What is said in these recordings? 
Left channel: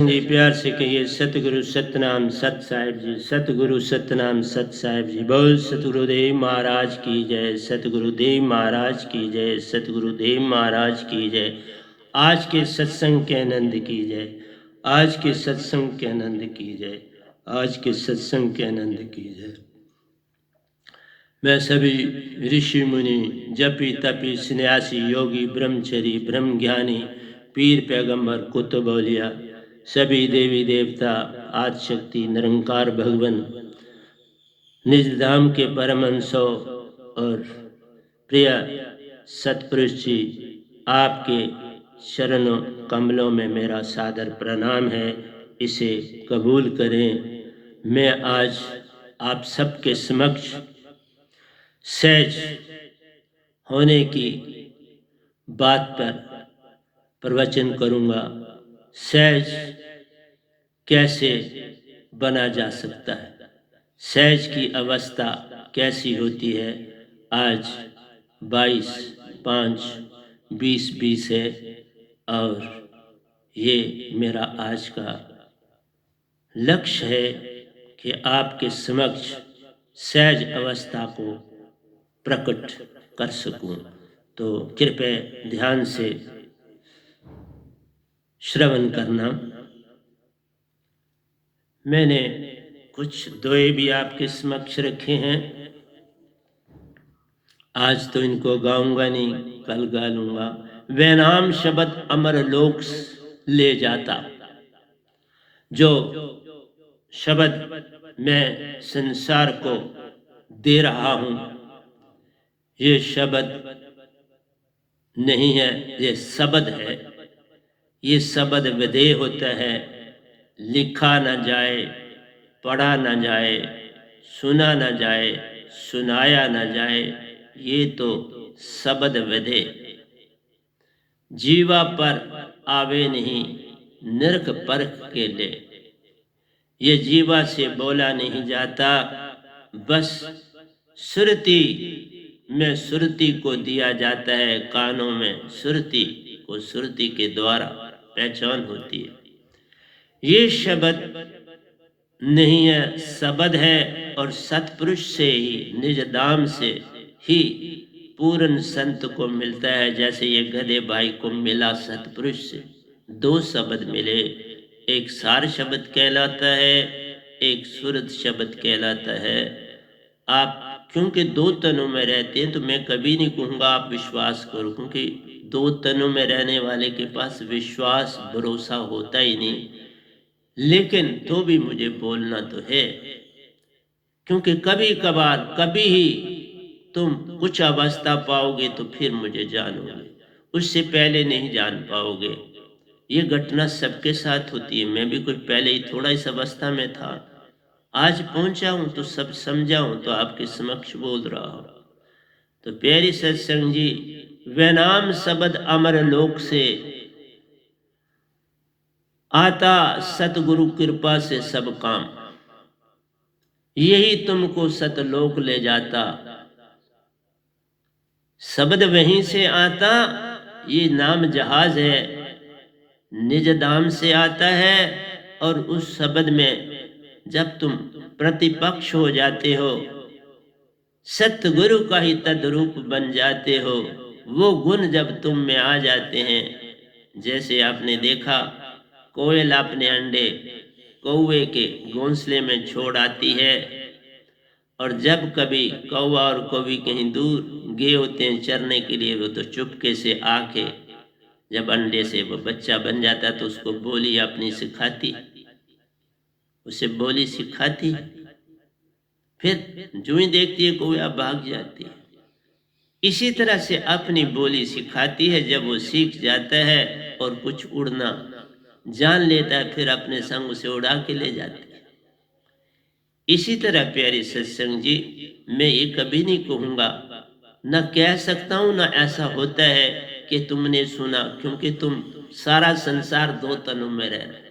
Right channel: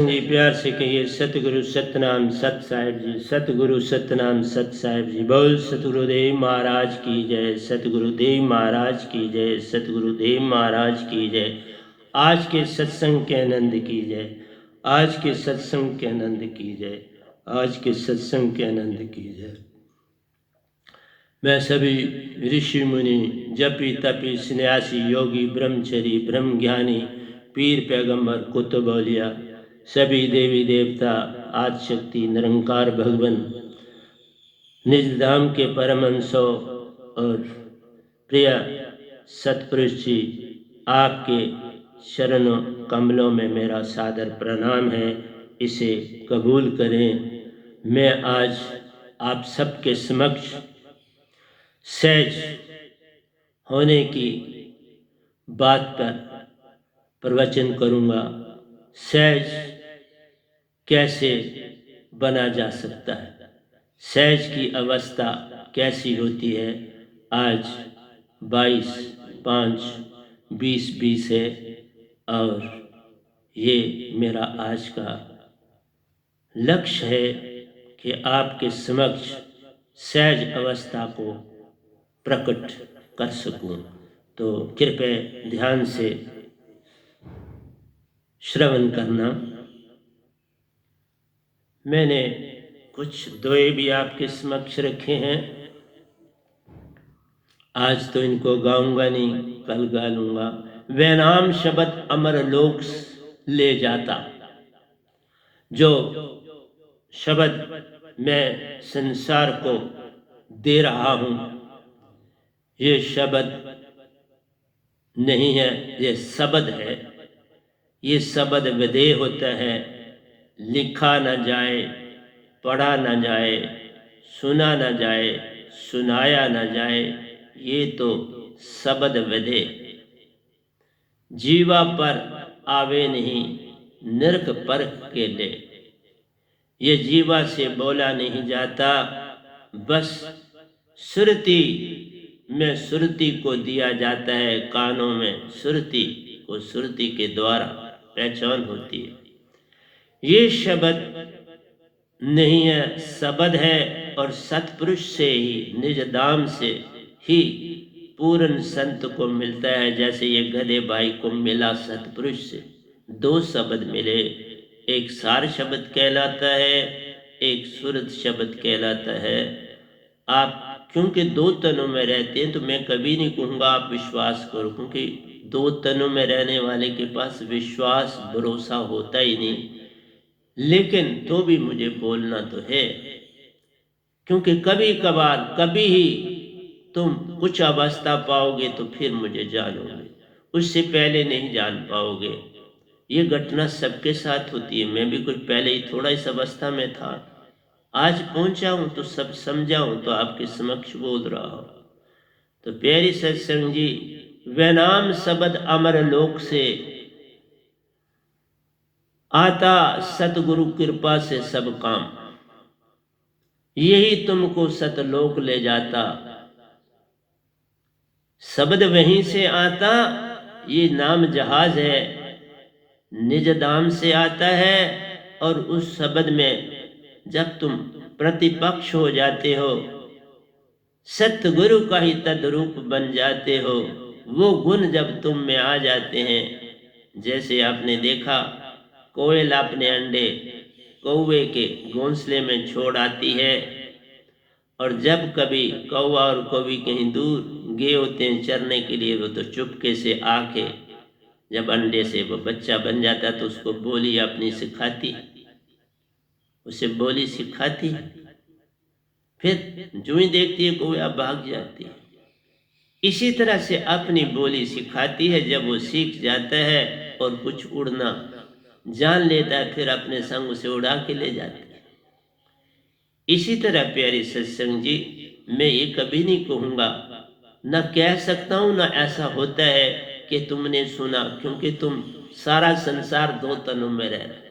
जी प्यार से कहिए सतगुरु सतनाम सत साहिब जी। सतगुरु सतनाम सत साहिब जी। बोल सतगुरुदेव महाराज की जय। सतगुरुदेव महाराज की जय। सतगुरुदेव महाराज की जय। आज के सत्संग के आनंद की जय। आज के सत्संग के आनंद की जय। आज के सत्संग के आनंद की जय। मैं सभी ऋषि मुनि जपी तपी सन्यासी योगी ब्रह्मचरी ब्रह्म ज्ञानी पीर पैगंबर कुतुब औलिया सभी देवी देवता आदि शक्ति निरंकार भगवान निज धाम के परमहंसों और प्रिय सतपुरुष जी, आपके चरणों कमलों में मेरा सादर प्रणाम है। इसे कबूल करें। मैं आज आप सबके समक्ष सहज होने की बात पर प्रवचन करूंगा। सहज कैसे बना जा सकता है, सहज की अवस्था कैसी होती है। आज 22/5/2020 है और ये मेरा आज का लक्ष्य है कि आपके समक्ष सहज अवस्था को प्रकट कर सकूं। तो कृपया ध्यान से श्रवण करना। मैंने कुछ दोहे भी आपके समक्ष रखे हैं। आज तो इनको गाऊंगा नहीं, कल गा लूंगा। वह नाम शब्द अमर लोक ले जाता। जो शब्द मैं संसार को दे रहा हूं, ये शब्द नहीं है, ये शब्द है। ये शब्द विधेय होता है, लिखा न जाए, पढ़ा न जाए, सुना न जाए, सुनाया न जाए। ये तो शब्द विधेय जीवा पर आवे नहीं, नरक परख के ले। ये जीवा से बोला नहीं जाता, बस सुरती में सुरती को दिया जाता है। कानों में सुरती को सुरती के द्वारा पहचान होती है। ये शब्द नहीं है, शब्द है। और सतपुरुष से ही, निज धाम से ही पूर्ण संत को मिलता है। जैसे ये गधे भाई को मिला सतपुरुष से, दो शब्द मिले। एक सार शब्द कहलाता है, एक सुरत शब्द कहलाता है। आप क्योंकि दो तनों में रहते हैं, तो मैं कभी नहीं कहूँगा आप विश्वास करो, क्योंकि दो तनों में रहने वाले के पास विश्वास भरोसा होता ही नहीं। लेकिन तो भी मुझे बोलना तो है, क्योंकि कभी कभार कभी ही तुम कुछ अवस्था पाओगे तो फिर मुझे जानोगे, उससे पहले नहीं जान पाओगे। ये घटना सबके साथ होती है। मैं भी कुछ पहले ही थोड़ा इस अवस्था में था, आज पहुंचा हूं तो सब समझा हूं, तो आपके समक्ष बोल रहा हूं। तो प्यारी सत्संग जी, वह नाम शब्द अमर लोक से आता, सतगुरु कृपा से सब काम। यही तुमको सतलोक ले जाता। शब्द वहीं से आता, ये नाम जहाज है, निज धाम से आता है। और उस शब्द में जब तुम प्रतिपक्ष हो जाते हो, सतगुरु का ही तद्रूप बन जाते हो, वो गुण जब तुम में आ जाते हैं। जैसे आपने देखा, कोयल अपने अंडे कौवे के घोंसले में छोड़ आती है, और जब कभी कौवा और कौवी कहीं दूर गए होते हैं चरने के लिए, वो तो चुपके से आके जब अंडे से वो बच्चा बन जाता है तो उसको बोली अपनी सिखाती, उसे बोली सिखाती। फिर जो ही देखती है कौवा भाग जाती है। इसी तरह से अपनी बोली सिखाती है। जब वो सीख जाता है और कुछ उड़ना जान लेता है, फिर अपने संग उसे उड़ा के ले जाती है। इसी तरह प्यारी सत्संग जी, मैं ये कभी नहीं कहूँगा, न कह सकता हूँ, न ऐसा होता है कि तुमने सुना, क्योंकि तुम सारा संसार दो तनों में रह रहे।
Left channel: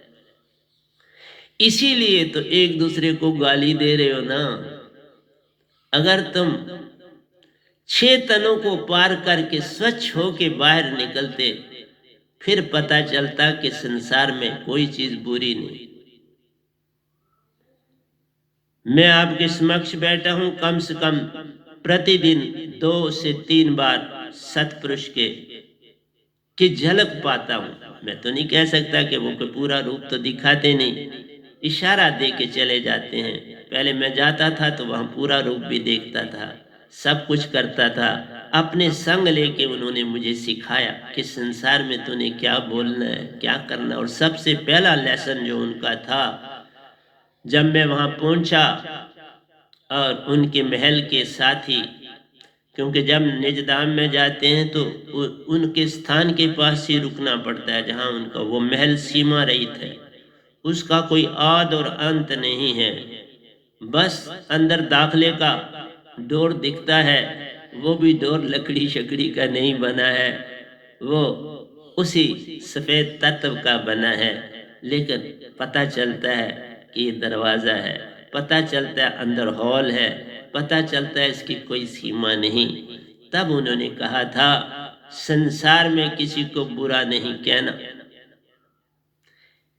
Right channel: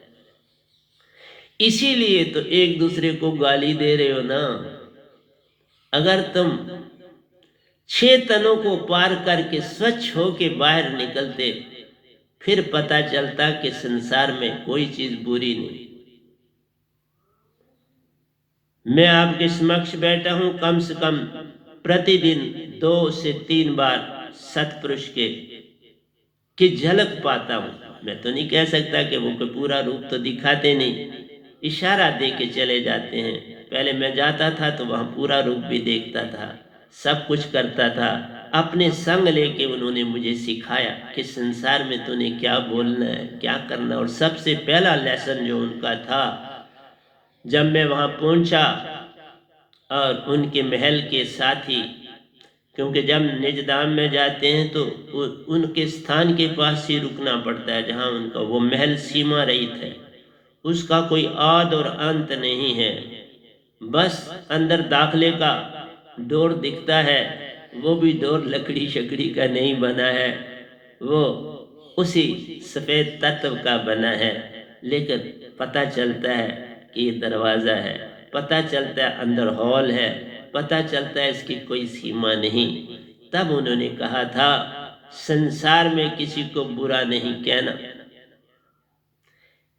इसीलिए तो एक दूसरे को गाली दे रहे हो ना। अगर तुम 6 तनों को पार करके स्वच्छ होके बाहर निकलते, फिर पता चलता कि संसार में कोई चीज बुरी नहीं। मैं आपके समक्ष बैठा हूं, कम से कम प्रतिदिन 2 से 3 बार सतपुरुष की झलक पाता हूं। मैं तो नहीं कह सकता कि वो पूरा रूप तो दिखाते नहीं, इशारा दे के चले जाते हैं। पहले मैं जाता था तो वहां पूरा रूप भी देखता था, सब कुछ करता था। अपने संग लेके उन्होंने मुझे सिखाया कि संसार में तूने क्या बोलना है, क्या करना। और सबसे पहला लेसन जो उनका था, जब मैं वहां पहुंचा और उनके महल के साथी, क्योंकि जब निजधाम में जाते हैं तो उनके स्थान के पास ही रुकना पड़ता है, जहां उनका वो महल सीमा रहित है, उसका कोई आद और अंत नहीं है। बस अंदर दाखले का डोर दिखता है, वो भी डोर लकड़ी शकड़ी का नहीं बना है, वो उसी सफेद तत्व का बना है। लेकिन पता चलता है कि ये दरवाजा है, पता चलता है अंदर हॉल है, पता चलता है इसकी कोई सीमा नहीं। तब उन्होंने कहा था, संसार में किसी को बुरा नहीं कहना।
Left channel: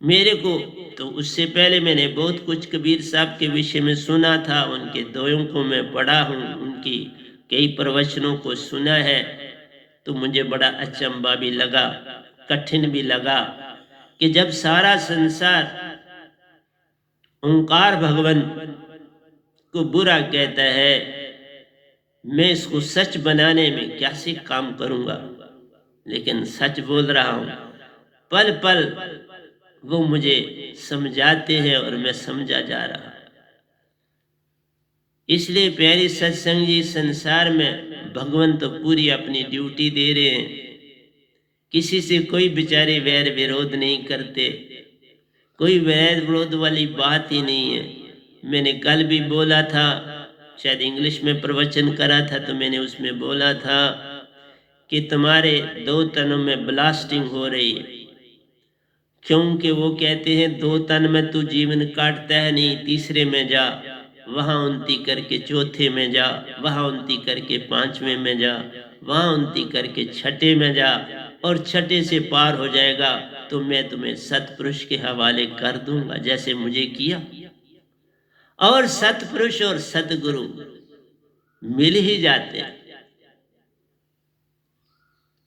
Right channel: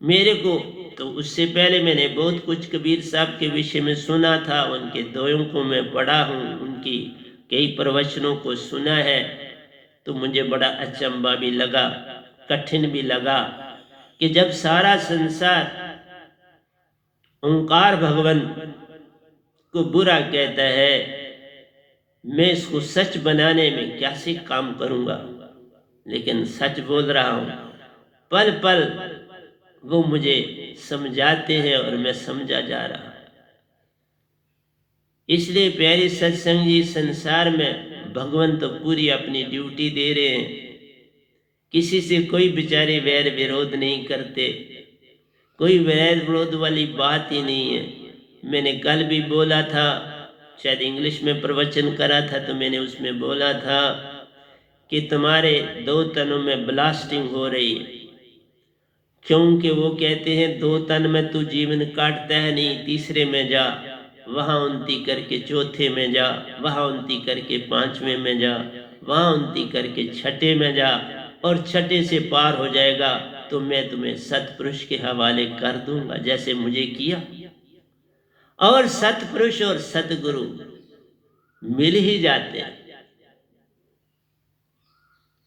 मेरे को तो उससे पहले मैंने बहुत कुछ कबीर साहब के विषय में सुना था, उनके दोयों को मैं पढ़ा हूँ, उनकी कई प्रवचनों को सुना है। तो मुझे बड़ा अचंभा भी लगा, कठिन भी लगा कि जब सारा संसार ओंकार भगवान को बुरा कहता है, मैं इसको सच बनाने में कैसे काम करूंगा। लेकिन सच बोल रहा हूं, पल पल वो मुझे समझाते हैं और मैं समझा जा रहा। इसलिए प्यारे सत्संग जी, संसार में भगवान तो पूरी अपनी ड्यूटी दे रहे हैं, किसी से कोई बेचारे वैर विरोध नहीं करते, कोई वैर विरोध वाली बात ही नहीं है। मैंने कल भी बोला था, शायद इंग्लिश में प्रवचन करा था, तो मैंने उसमें बोला था कि तुम्हारे 2 तनों में ब्लास्टिंग हो रही है, क्योंकि वो कहते हैं 2 तन में तू जीवन काटता है नहीं, तीसरे में जा, वहां उन्नति करके चौथे में जा, वहां उन्नति करके 5वें में जा, वहां उन्नति करके 6ठे में जा, और 6ठे से पार हो जाएगा तो मैं तुम्हें सतपुरुष के हवाले कर दूंगा, जैसे मुझे किया। और सतपुरुष और सतगुरु मिल ही जाते हैं।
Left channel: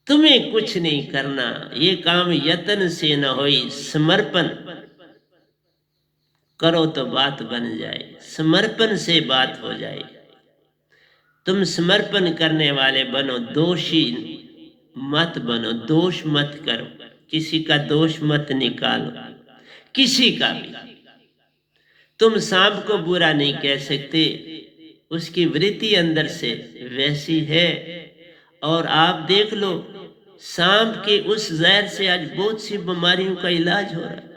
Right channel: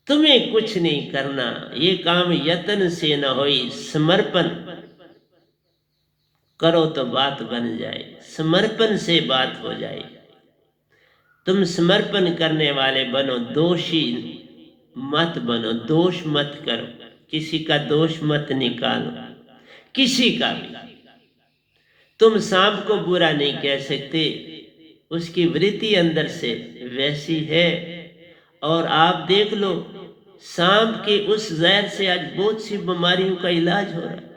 तुम्हें कुछ नहीं करना, ये काम यत्न से न होई, समर्पण करो तो बात बन जाए, समर्पण से बात हो जाए। तुम समर्पण करने वाले बनो, दोषी मत बनो, दोष मत करो, किसी का दोष मत निकालो, किसी का भी। तुम सांप को बुरा नहीं कह सकते, उसकी वृत्ति अंदर से वैसी है। और आप देख लो, सांप के उस जहर से आज बहुत सी बीमारियों का इलाज हो रहा है।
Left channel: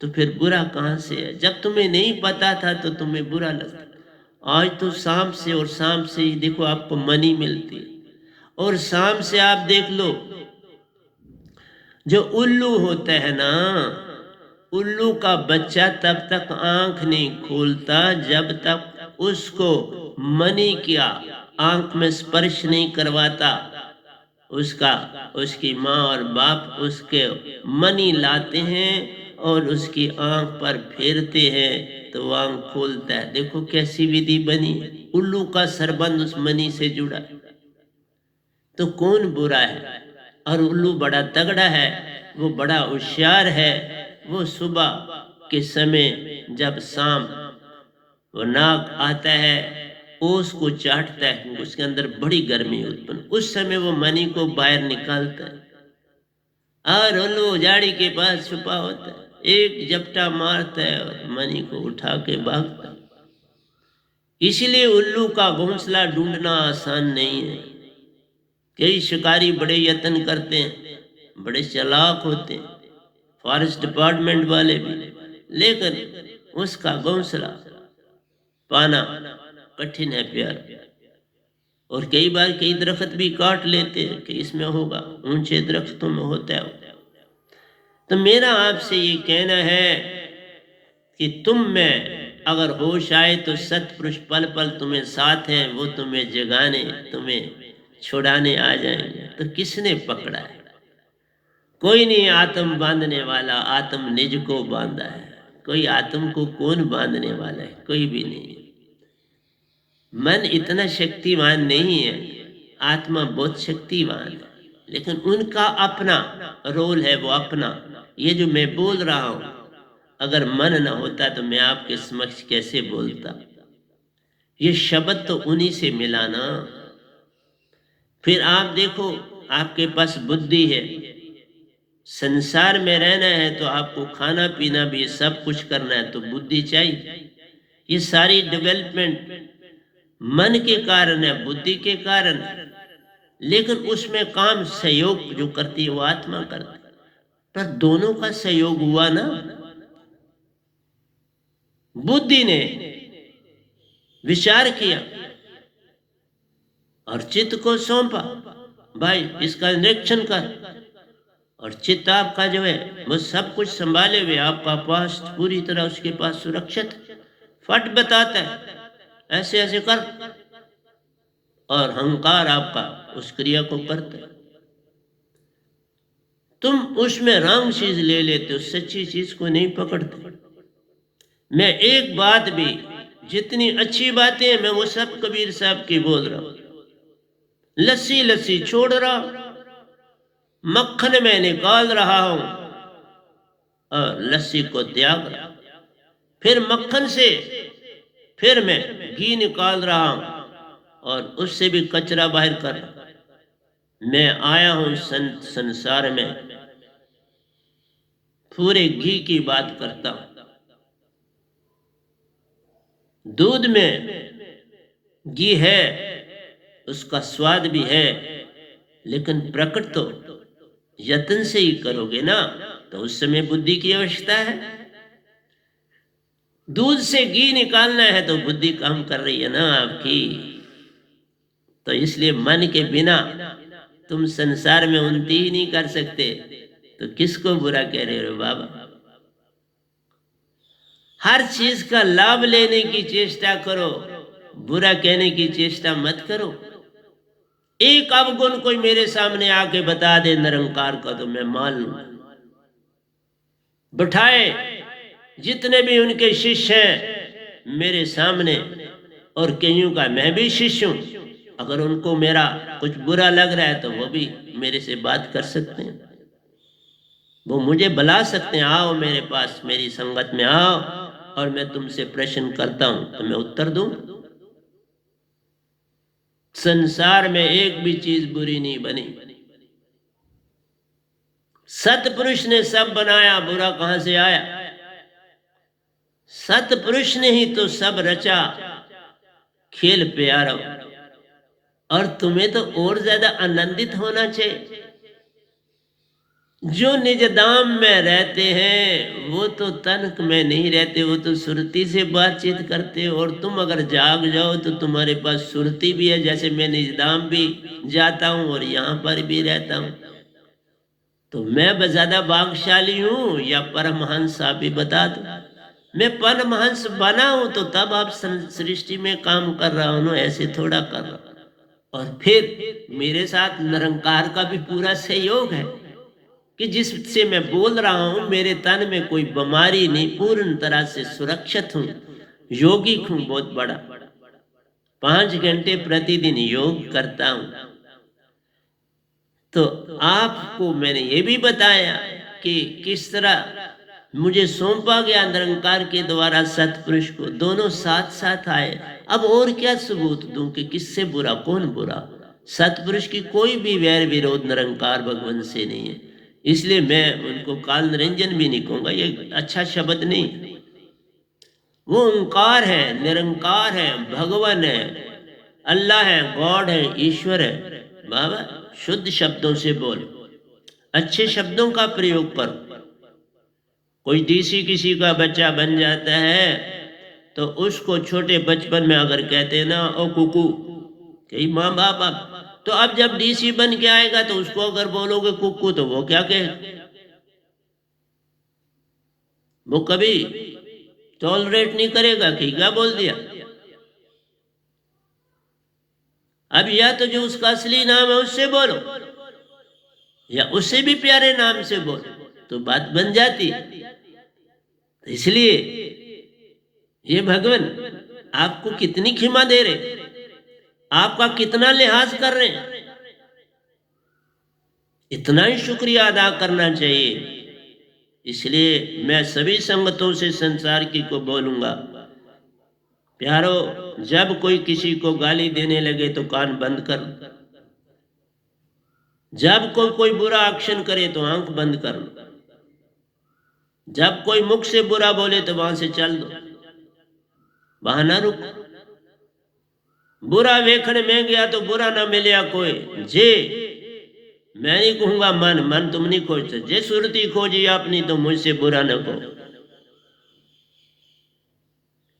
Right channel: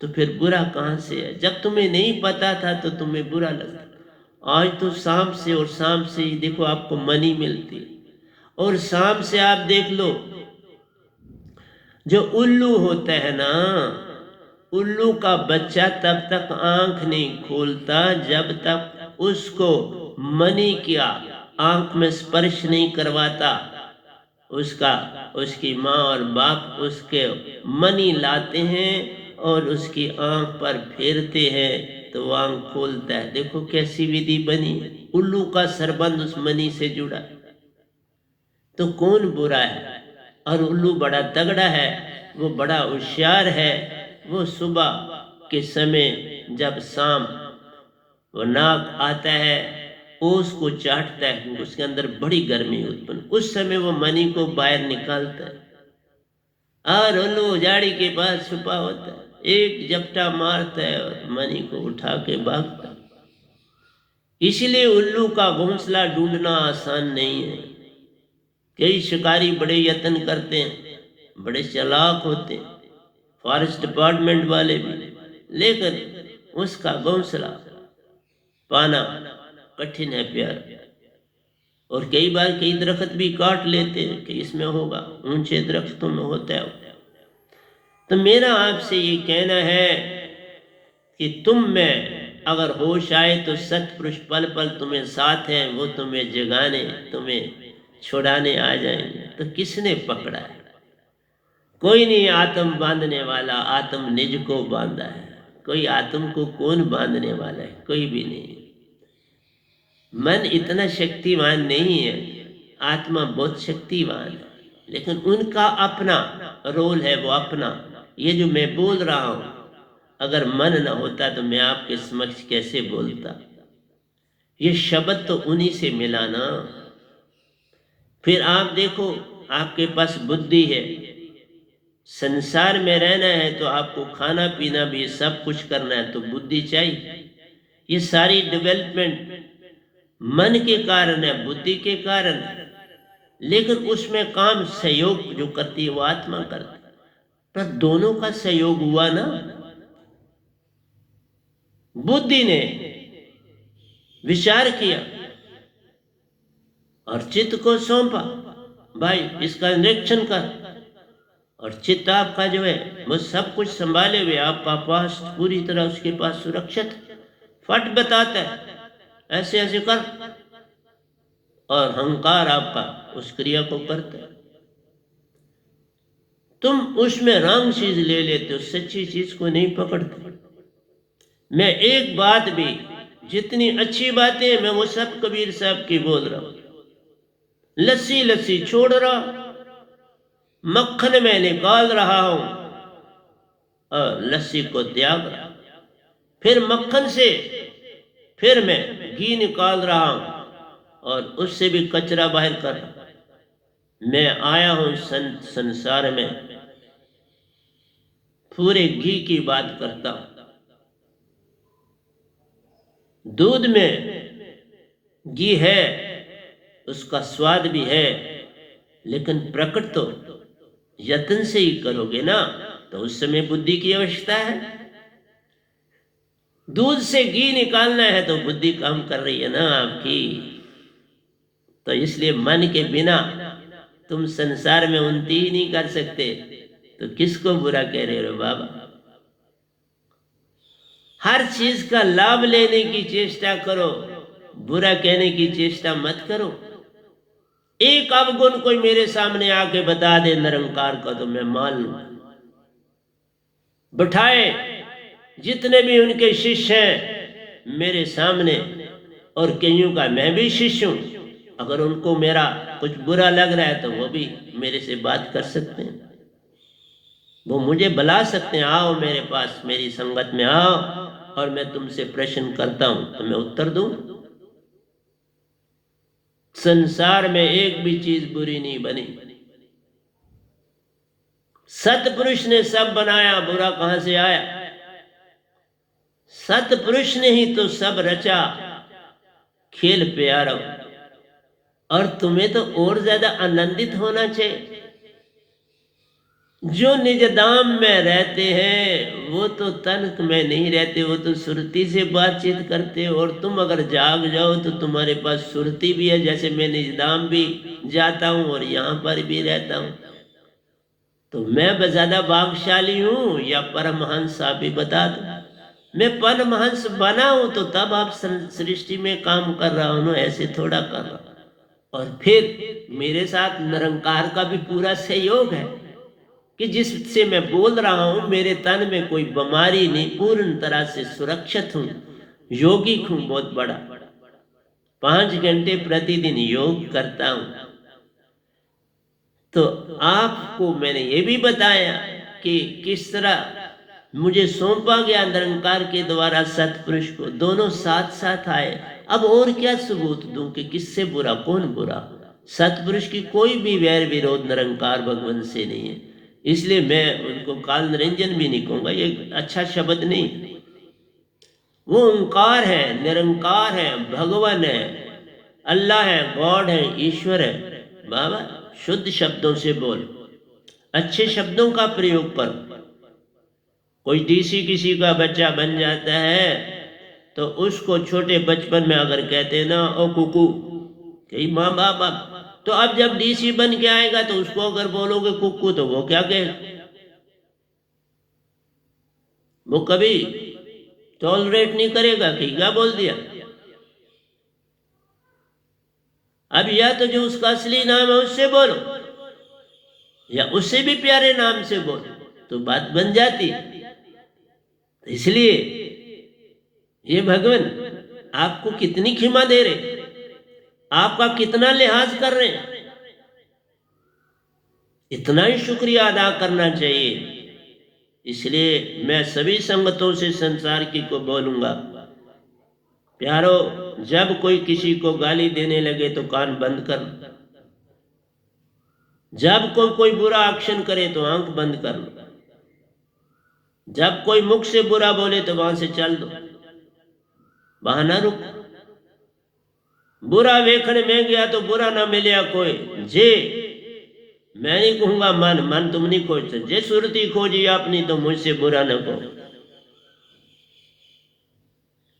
तो फिर बुरा कहां से है? जब तुम्हें नहीं पता था तो तुम्हें बुरा लगता। आज तो सांप से, और सांप से ही देखो आपको मनी मिलती है। और सांप से आप देख लो, जो उल्लू होता है ना, उल्लू का बच्चा तब तक आंख नहीं खोलता जब तक उसको मनी क्या आंख में स्पर्श नहीं करवाता। उसकी माँ और बाप उसके मनी लाते हैं और उसकी आंख पर फेरते हैं तो वो आंख खोलता है। देखो कैसी विधि बनी है, उल्लू का सरबंध उस मनी से जुड़ा। तो कौन बुरा है? और उल्लू बड़ा तगड़ा है, वो बड़ा होशियार है। वो सुबह के समय जब शाम वो नाग आता है, ओस को चाटता है, उसके अंदर बड़ी गर्मी उत्पन्न, उस समय वो मनी को बाहर निकालता है और उल्लू झाड़ी के पास छुपा होता है, एक झपटा मारता है और मनी को उठा के भागता है। इसलिए उल्लू का घोंसला ढूंढना आसान नहीं है। कई शिकारी बड़े यत्न करते हैं, बड़े चालाक होते हैं, फॉरेस्ट डिपार्टमेंट वाले भी, लेकिन उसका घोंसला पाना कठिन है प्यार। और कई बार कई दरख्त भी काट लेते हैं कि इसमें होगा, ऊंचे दरख्तों में होता है। तो मेरा आपसे ये कहना है कि तुम में अगर होश आए तो सतपुरुष पल पल तुम्हें साथ हैं, वो तुम्हें जगाने, तुम्हें छुड़ाने आ जाएंगे। तो किसने पकड़ा है? कोई नहीं आत्म बांधने वाला, आत्म निज को बांधा है। कोई आत्म को कौन बांधने वाला है? कोई भी नहीं। मन इतना शक्तिवान नहीं है, आत्मा बहुत शक्तिवान है, लेकिन उनका अपना रोल है, वो अपना। ये जो मैं बोल रहा हूं, अगर मन न होता तो मैं आपके समक्ष कैसे बोलता? ये शब्द तो उन्हीं से मिला ना। फिर आप देखो, आपके पास बुद्धि है, संसार में रहना है तो आपको खाना पीना भी सब कुछ करना है, तो बुद्धि चाहिए। ये सारी डेवलपमेंट मन के कारण है, बुद्धि के कारण, लेकिन उसमें काम सहयोग जो करती है वो आत्मा करती है। पर दोनों का सहयोग हुआ ना। बुद्धि ने विचार किया और चित्त को सौंपा, भाई इसका निरीक्षण कर, और चित्त आपका जो है वो सब कुछ संभाले हुए, आपका पास पूरी तरह उसके पास सुरक्षित, फट बताता है ऐसे ऐसे कर, और अहंकार आपका उस क्रिया को करता है। तुम उसमें रंग चीज ले लेते हो, सच्ची चीज को नहीं पकड़ते। मैं एक बात भी, जितनी अच्छी बातें हैं मैं वो सब कबीर साहब की बोल रहा हूं। लस्सी लस्सी छोड़ रहा, मक्खन में निकाल रहा हूं और लस्सी को त्याग रहा, फिर मक्खन से फिर मैं घी निकाल रहा हूं और उससे भी कचरा बाहर कर रहा। मैं आया हूं संसार में, पूरे घी की बात करता हूं। दूध में घी है, उसका स्वाद भी है, लेकिन प्रकट तो यत्न से ही करोगे ना, तो उस समय बुद्धि की आवश्यकता है। दूध से घी निकालना है तो बुद्धि काम कर रही है ना आपकी। तो इसलिए मन के बिना तुम संसार में उन्नति ही नहीं कर सकते, तो किसको बुरा कह रहे हो बाबा? हर चीज का लाभ लेने की चेष्टा करो, बुरा कहने की चेष्टा मत करो। एक अवगुण कोई मेरे सामने आके बता दे निरंकार का, तो मैं मान लूं। बिठाए जितने भी उनके शिष्य हैं मेरे सामने, और कईयों का मैं भी शिष्य हूं, अगर उनको मेरा कुछ बुरा लग रहा है तो वो भी मेरे से बात कर सकते हैं, वो मुझे बुला सकते हैं, आओ मेरे पास, मेरी संगत में आओ और मैं तुमसे प्रश्न करता हूं तो मैं उत्तर दूं। संसार में एक भी चीज बुरी नहीं बनी। सतपुरुष ने सब बनाया, बुरा कहां से आया? सतपुरुष ने ही तो सब रचा, खेल प्यारा। और तुम्हें तो और ज्यादा आनंदित होना चाहिए। जो निज धाम में रहते हैं वो तो तन में नहीं रहते, वो तो सुरती से बातचीत करते हो। और तुम अगर जाग जाओ तो तुम्हारे पास सुरती भी है, जैसे मैं निज धाम भी जाता हूं और यहां पर भी रहता हूं। तो मैं ज्यादा भाग्यशाली हूं या परमहंस? आप भी बता दो। मैं परमहंस बना हूं तो तब आप सृष्टि में काम कर रहा हूं ना, ऐसे थोड़ा कर रहा हूं। और फिर मेरे साथ निरंकार का भी पूरा सहयोग है कि जिससे मैं बोल रहा हूं मेरे तन में कोई बीमारी नहीं, पूर्ण तरह से सुरक्षित हूं, योगिक हूं बहुत बड़ा। 5 घंटे प्रतिदिन योग करता हूं। तो आपको मैंने ये भी बताया कि किस तरह मुझे सौंपा गया निरंकार के द्वारा सतपुरुष को, दोनों साथ साथ आए। अब और क्या सबूत दूं कि किससे बुरा, कौन बुरा? सतपुरुष की कोई भी वैर विरोध निरंकार भगवान से नहीं है, इसलिए मैं उनको काल निरंजन भी नहीं कहूंगा, ये अच्छा शब्द नहीं। वो ओंकार है, निरंकार है, भगवान है, अल्लाह है, गॉड है, ईश्वर है। बाबा शुद्ध शब्दों से बोल, अच्छे शब्दों का प्रयोग कर। कोई डीसी किसी का बच्चा बन जाता है तो उसको छोटे बचपन में अगर कहते हैं ना, ओ कुकू, कई माँ बाप, तो अब जब डीसी बन के आएगा तो उसको अगर बोलोगे कुकू तो वो क्या कहे? वो कभी टॉलरेट नहीं करेगा कि क्या बोल दिया। अब या तो जो उसका असली नाम है उससे बोलो, या उससे भी प्यारे नाम से बोल तो बात बन जाती। इसलिए ये भगवान आपको कितनी क्षमा दे रहे, आपका कितना लिहाज कर रहे हैं, इतना ही शुक्रिया अदा करना चाहिए। इसलिए मैं सभी संगतों से संसार की को बोलूंगा, प्यारो, जब कोई किसी को गाली देने लगे तो कान बंद कर, जब कोई बुरा एक्शन करे तो आंख बंद कर, जब कोई मुख से बुरा बोले तो वहां से चल दो, वहां ना रुक। बुरा वेखने में गया तो बुरा ना मिले कोई जे, मैं नहीं कहूंगा मन तुम नहीं खोजते, जे सुरती खोजी अपनी तो मुझसे बुरा न कहो।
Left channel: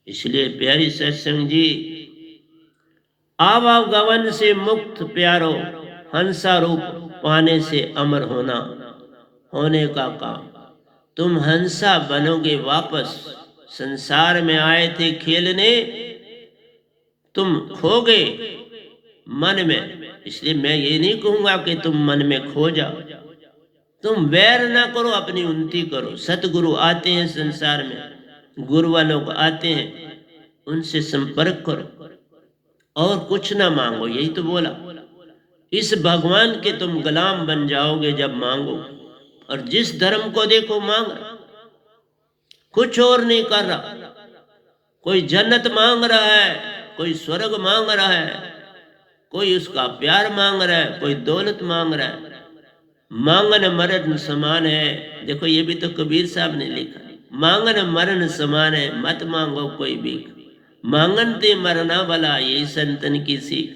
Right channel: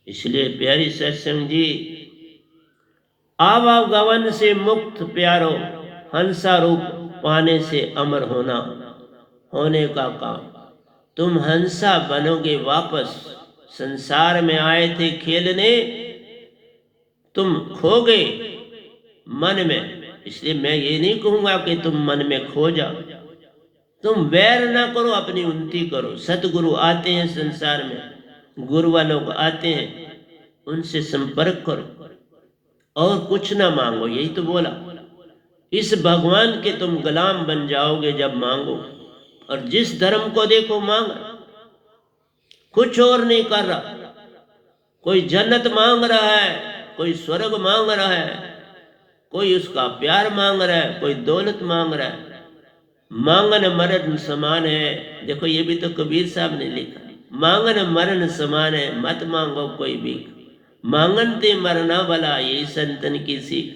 इसलिए प्यारी सत्संग जी, आवागमन से मुक्त प्यारो, हंसा रूप पाने से अमर होने का काम। तुम हंसा बनोगे वापस, संसार में आए थे खेलने, तुम खो गए मन में। इसलिए मैं ये नहीं कहूंगा कि तुम मन में खो जाओ, तुम वैर ना करो, अपनी उन्नति करो। सतगुरु आते हैं संसार में, गुरु वालों को आते हैं, उनसे संपर्क करो और कुछ ना मांगो। यही तो बोला, इस भगवान के तुम गुलाम बन जाओगे जब मांगो। और जिस धर्म को देखो मांग, कुछ और नहीं कर रहा। कोई जन्नत मांग रहा है, कोई स्वर्ग मांग रहा है, कोई उसका प्यार मांग रहा है, कोई दौलत मांग रहा है। मांगन मरण समान है। देखो ये भी तो कबीर साहब ने लिखा, मांगन मरण समान है, मत मांगो कोई भीख, मांगन ते मरना भला, यही संतन की सीख।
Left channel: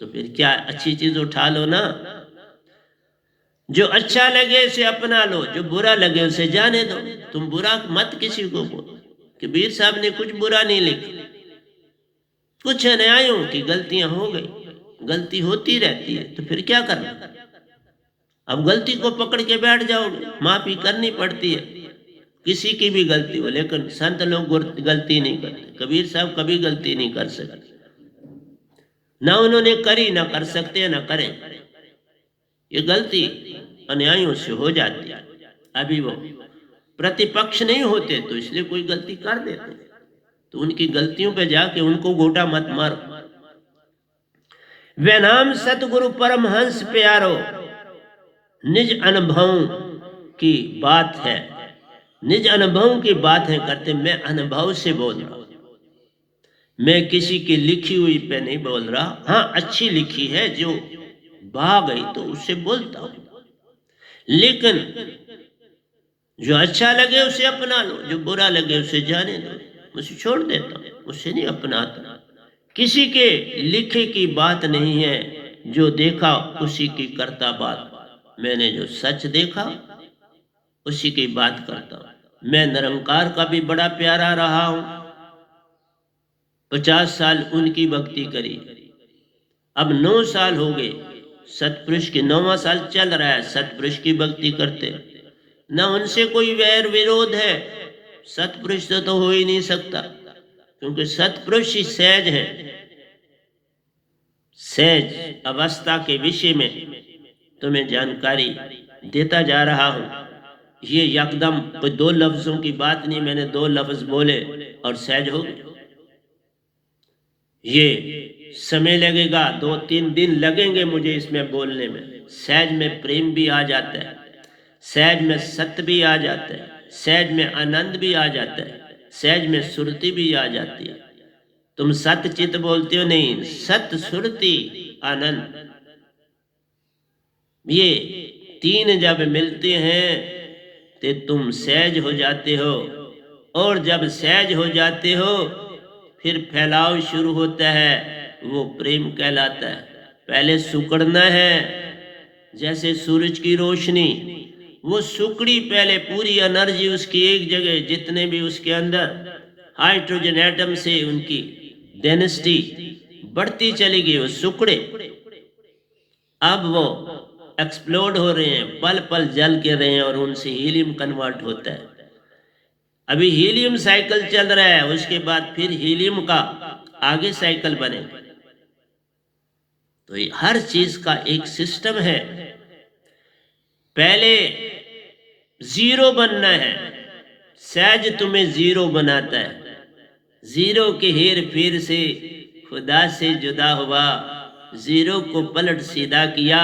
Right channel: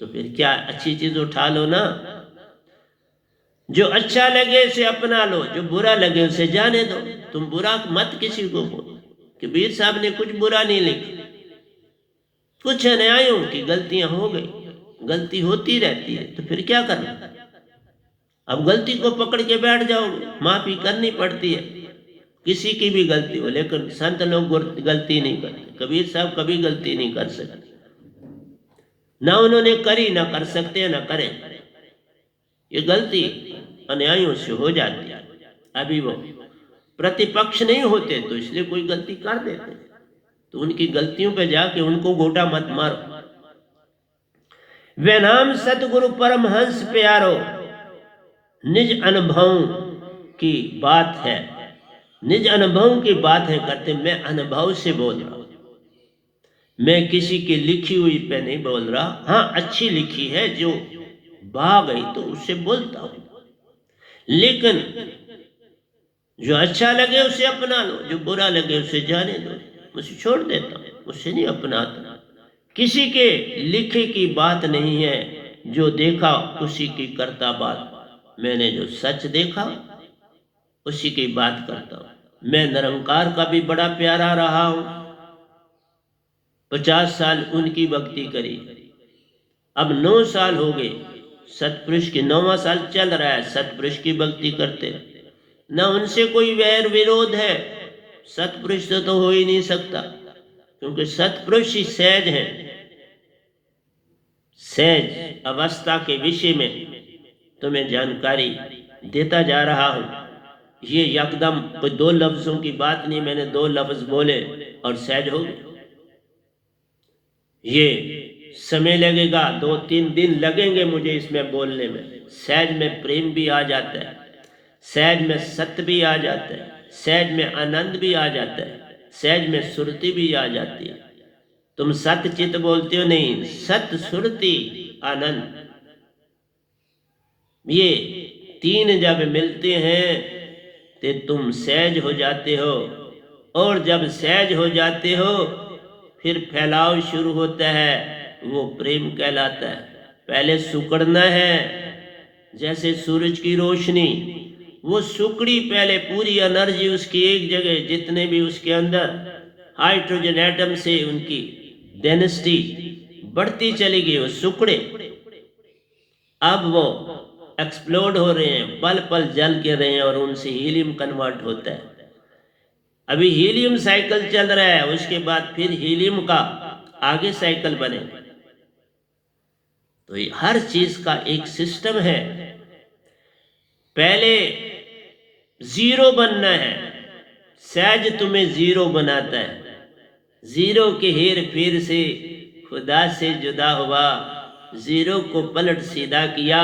तो फिर क्या, अच्छी चीज उठा लो ना, जो अच्छा लगे उसे अपना लो, जो बुरा लगे उसे जाने दो। तुम बुरा मत किसी को बोलो। कबीर साहब ने कुछ बुरा नहीं लिखा, कुछ अन्यायों की गलतियां हो गई, गलती होती रहती है, तो फिर क्या करना। अब गलती को पकड़ के बैठ जाओगे, माफी करनी पड़ती है, किसी की भी गलती हो, लेकिन संत लोग गलती नहीं करते। कबीर साहब कभी गलती नहीं कर सकते, ना उन्होंने करी, ना कर सकते, ना करें। ये गलती अन्यायों से हो जाती है। अभी वो प्रतिपक्ष नहीं होते तो इसलिए कोई गलती कर देते, तो उनकी गलतियों पे जाके उनको गोटा मत मारो। वे नाम सतगुरु परमहंस प्यारो, निज अनुभव की बात है, निज अनुभव की बात है करते। मैं अनुभव से बोल रहा हूं, मैं किसी की लिखी हुई पे नहीं बोल रहा। हाँ, अच्छी लिखी है जो बहा गई तो उससे बोलता हूं, लेकिन जो अच्छा लगे उसे अपना लो, जो बुरा लगे उसे जाने दो, उसे छोड़ देता हूं, उसे नहीं अपनाता। किसी के लिखे की बात नहीं है, जो देखा उसी की करता बात। मैंने जो सच देखा उसी की बात करता हूं। मैं निरंकार का भी बड़ा प्यारा रहा हूं, 50 साल उनकी भक्ति करी, अब 9 साल हो गए, सतपुरुष के 9वां साल चल रहा है, सतपुरुष की भक्ति करते। न उनसे कोई वैर विरोध है, सतपुरुष से तो हो ही नहीं सकता, क्योंकि सतपुरुष ही सहज है। सहज अवस्था के विषय में तुम्हें जानकारी देता जा रहा हूं। ये एकदम कोई 2 लफ्जों की बात नहीं, मैंने 2 लफ्ज बोले और सहज हो गए। ये समय लगेगा, 2-3 दिन लगेंगे मुझे इसमें बोलने में। सहज में प्रेम भी आ जाता है, सहज में सत्य भी आ जाता है, सहज में आनंद भी आ जाता है, सहज में सुरति भी आ जाती है। तुम सत्य चित बोलते हो, नहीं, सत्य सुरति आनंद, ये 3 जब मिलते हैं तो तुम सहज हो जाते हो। और जब सहज हो जाते हो फिर फैलाव शुरू होता है, वो प्रेम कहलाता है। पहले सुकड़ना है, जैसे सूरज की रोशनी, वो सुकड़ी पहले पूरी एनर्जी उसकी एक जगह, जितने भी उसके अंदर हाइड्रोजन एटम से उनकी डेंसिटी बढ़ती चली गई, वो सुकड़े अब वो एक्सप्लोड हो रहे हैं, पल पल जल के रहे हैं और उनसे हीलियम कन्वर्ट होता है। अभी हीलियम साइकिल चल रहा है, उसके बाद फिर हीलियम का आगे साइकिल बनेगा। तो ये हर चीज का एक सिस्टम है। पहले जीरो बनना है, सहज तुम्हें जीरो बनाता है। जीरो के हेर फेर से खुदा से जुदा हुआ, जीरो को पलट सीधा किया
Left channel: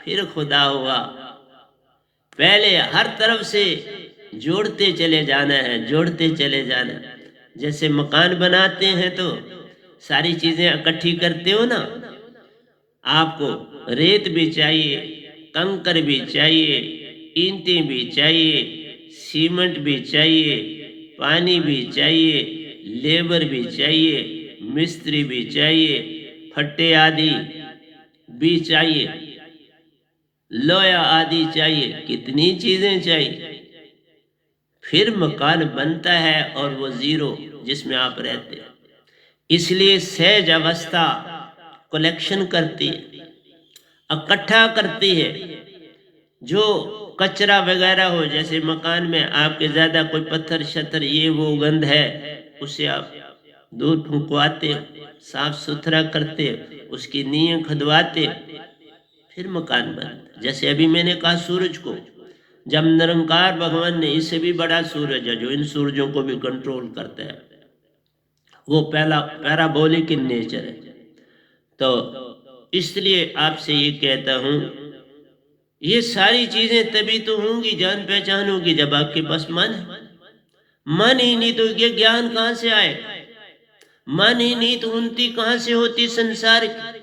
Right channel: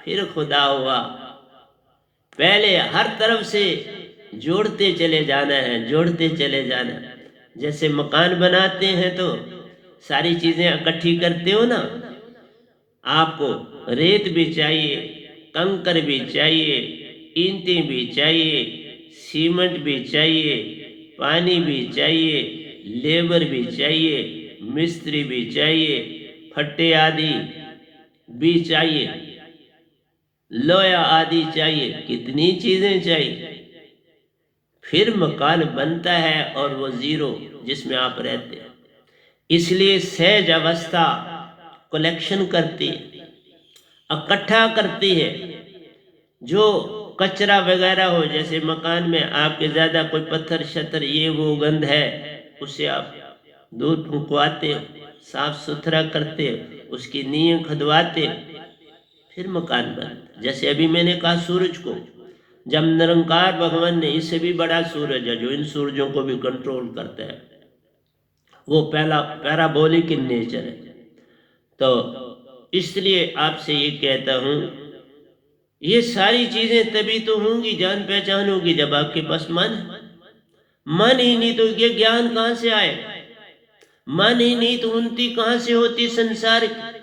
फिर खुदा हुआ। पहले हर तरफ से जोड़ते चले जाना है, जोड़ते चले जाना। जैसे मकान बनाते हैं तो सारी चीजें इकट्ठी करते हो ना, आपको रेत भी चाहिए, कंकर भी चाहिए, ईंटें भी चाहिए, सीमेंट भी चाहिए, पानी भी चाहिए, लेबर भी चाहिए, मिस्त्री भी चाहिए, फट्टे आदि भी चाहिए, लोया आदि चाहिए, कितनी चीजें चाहिए। फिर मकान बनता है और वो जीरो जिसमें आप रहते हैं। इसलिए सहज अवस्था कलेक्शन करती है, इकट्ठा करती है। जो कचरा वगैरह हो, जैसे मकान में आपके ज्यादा कोई पत्थर शत्तर ये वो गंध है, उसे आप दूर फुंकवाते हो, साफ सुथरा करते हो, उसकी नींव खुदवाते हो, फिर मकान बनता। जैसे अभी मैंने कहा सूरज को, जब निरंकार भगवान ने, इससे भी बड़ा सूरज है जो इन सूरजों को भी कंट्रोल करता है, वो पहला पैराबोलिक इन नेचर है। तो इसलिए आपसे ये कहता हूं, ये सारी चीजें तभी तो होंगी, जान पहचान होगी, जब आपके पास मन है। मन ही नहीं तो ये ज्ञान कहां से आए? मन ही नहीं तो उन्नति कहां से होती संसार की?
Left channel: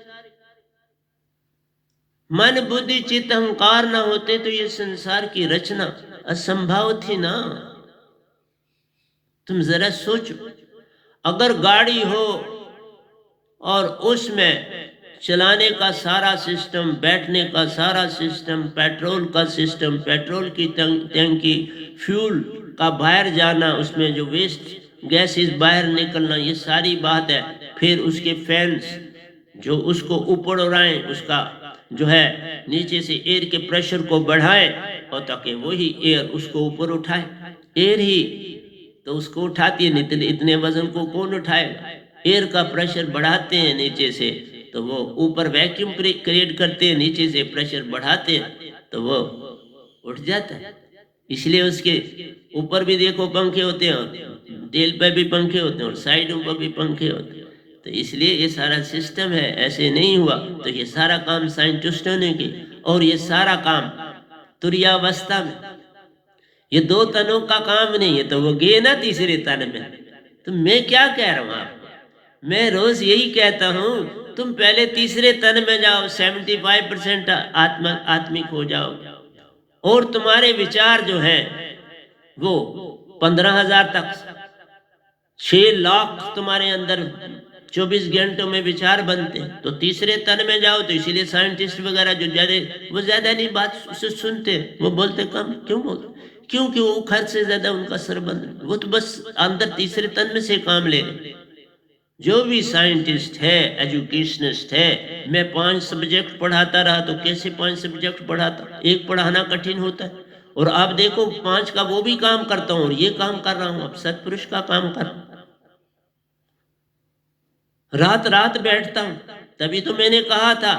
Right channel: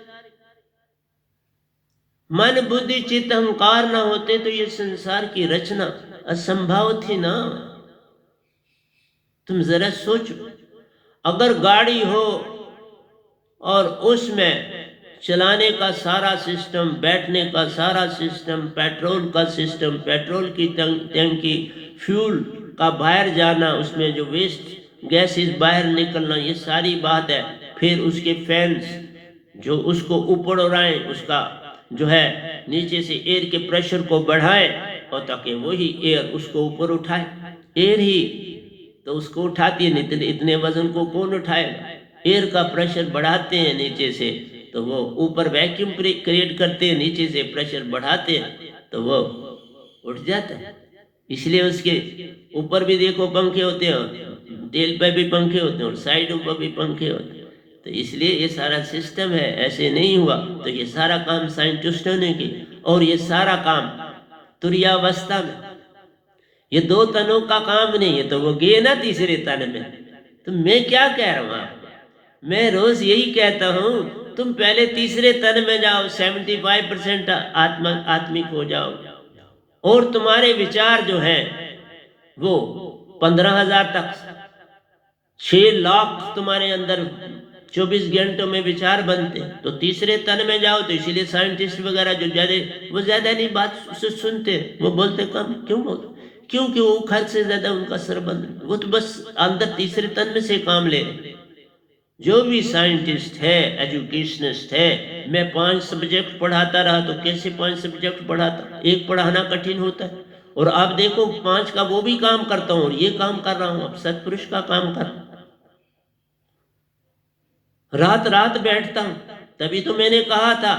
मन बुद्धि चित्त अहंकार ना होते तो ये संसार की रचना असंभव थी ना। तुम जरा सोचो, अगर गाड़ी हो और उसमें चलाने का सारा सिस्टम, बैठने का सारा सिस्टम, पेट्रोल का सिस्टम, पेट्रोल की टंकी, फ्यूल का बाहर जाना, उसमें जो वेस्ट गैसेस बाहर निकलना, ये सारी बात है। फिर उसके फैंस जो उसको ऊपर उड़ाएं, उसका जो है नीचे से एयर के प्रेशर को बढ़ाए और ताकि वही एयर उसको ऊपर उठाए। एयर ही तो उसको उठाती है, इतने वजन को कौन उठाएगा? एयर का प्रेशर बढ़ाते हैं नीचे से तो वो ऊपर वैक्यूम क्रिएट करते हैं, नीचे से प्रेशर बढ़ाते हैं तो वो उठ जाता है। इसलिए उसके ऊपर भी देखो पंखे होते हैं, टेल पे भी पंखे होते हैं और साइडों पर भी पंखे होते हैं। तो इसलिए ये सारा सिस्टम है, ऐसे नहीं हुआ। तो ये सारा काम साइंटिस्टों ने किया, और ये सारा काम तुरीयावस्था में, ये दो तनों का काम नहीं है। तो वो गए ना तीसरे तन में। तो मैं क्या कह रहा हूं आपको? मैं रोज यही कहता हूं, तुम पहले तीसरे तन में जाओ, 75% आत्मिक हो जाओ, और तुम्हारे विचार जो हैं वो 15,000 तक, 6 लाख तुम्हारे अंदर 24 घंटों में विचार बनते हैं। तो तीसरे तन में जाओ। तो इसीलिए साइंटिस्ट वगैरह जो वो ज्यादा नहीं बात सुनते, वो बोलते कम। क्यों बोलते? क्योंकि वो खर्च से ज्यादा उनका सर बंद, वो तो बस अंदर तीसरे तन में से काम ले रहे। जो भी साइंटिस्ट है, एजुकेशनिस्ट है, मैं 5 सब्जेक्ट पढ़ाता रहा तो कैसे 5 सब्जेक्ट पढ़ाता? एक पढ़ाना कठिन होता है, और आप देखो 5 का वो भी काम करता हूं और ये काम कर रहा हूं, अब सत्पुरुष का काम कर, रात रात बैठता हूं। तभी तो मैंने कहा था,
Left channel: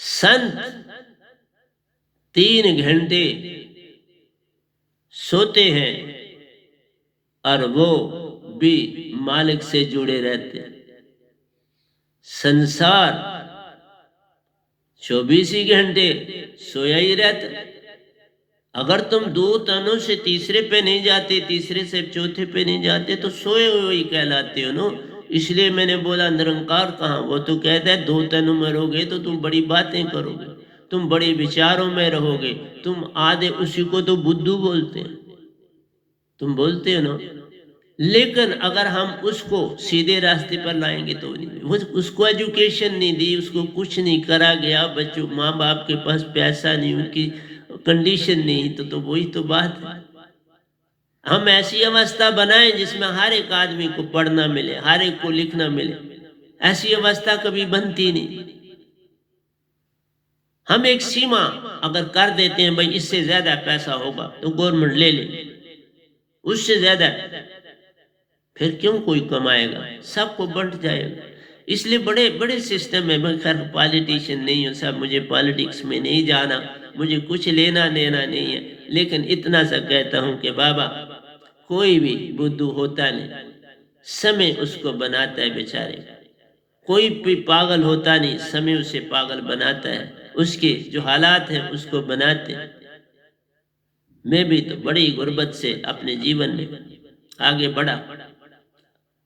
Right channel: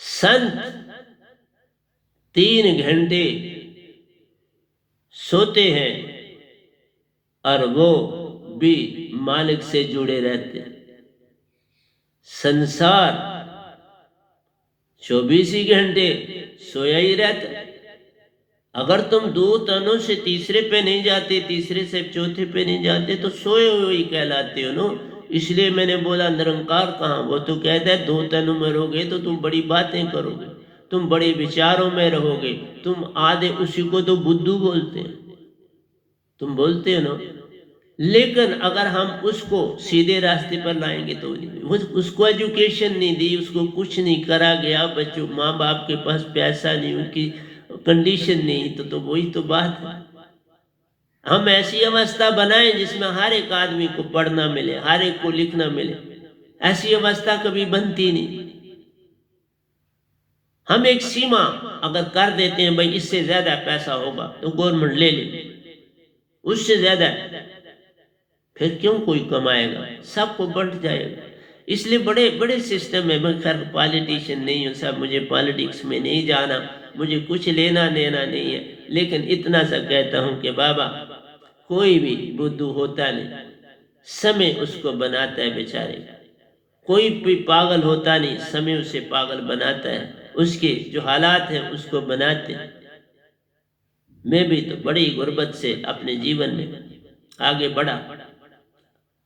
संत 3 घंटे सोते हैं और वो भी मालिक से जुड़े रहते हैं। संसार 24 ही घंटे सोया ही रहता। अगर तुम 2 तनों से तीसरे पे नहीं जाते, तीसरे से चौथे पे नहीं जाते, तो सोए हुए ही कहलाते हो नो। इसलिए मैंने बोला निरंकार कहाँ? वो तो कहता है 2 तनों में रहोगे तो तुम बड़ी बातें करोगे, तुम बड़े विचारों में रहोगे, तुम आधे, उसी को तो बुद्धू बोलते हैं, तुम बोलते हो ना। लेकिन अगर हम उसको सीधे रास्ते पर लाएंगे तो नहीं, उसको एजुकेशन नहीं दी, उसको कुछ नहीं करा गया, बच्चों माँ बाप के पास पैसा नहीं, उनकी कंडीशन नहीं, तो वही तो बात है। हम ऐसी अवस्था बनाएं जिसमें हर एक आदमी को पढ़ना मिले, हर एक को लिखना मिले। ऐसी अवस्था कभी बनती नहीं। हम एक सीमा अगर कर देते हैं, भाई इससे ज्यादा पैसा होगा तो गवर्नमेंट ले ले, उससे ज्यादा फिर क्यों कोई कमाएगा? सबको बंट जाएगा। इसलिए बड़े बड़े सिस्टम है। मैं खैर पॉलिटिशियन नहीं हूं, सब मुझे पॉलिटिक्स में नहीं जाना, मुझे कुछ लेना देना नहीं है, लेकिन इतना सा कहता हूँ कि बाबा कोई भी बुद्धू होता नहीं, समय उसको बनाता है बेचारे। कोई भी पागल होता नहीं, समय उसे पागल बनाता है, उसके जो हालात हैं उसको बनाते हैं। मैं भी तो बड़ी गुर्बत से अपने जीवन में आगे बढ़ा,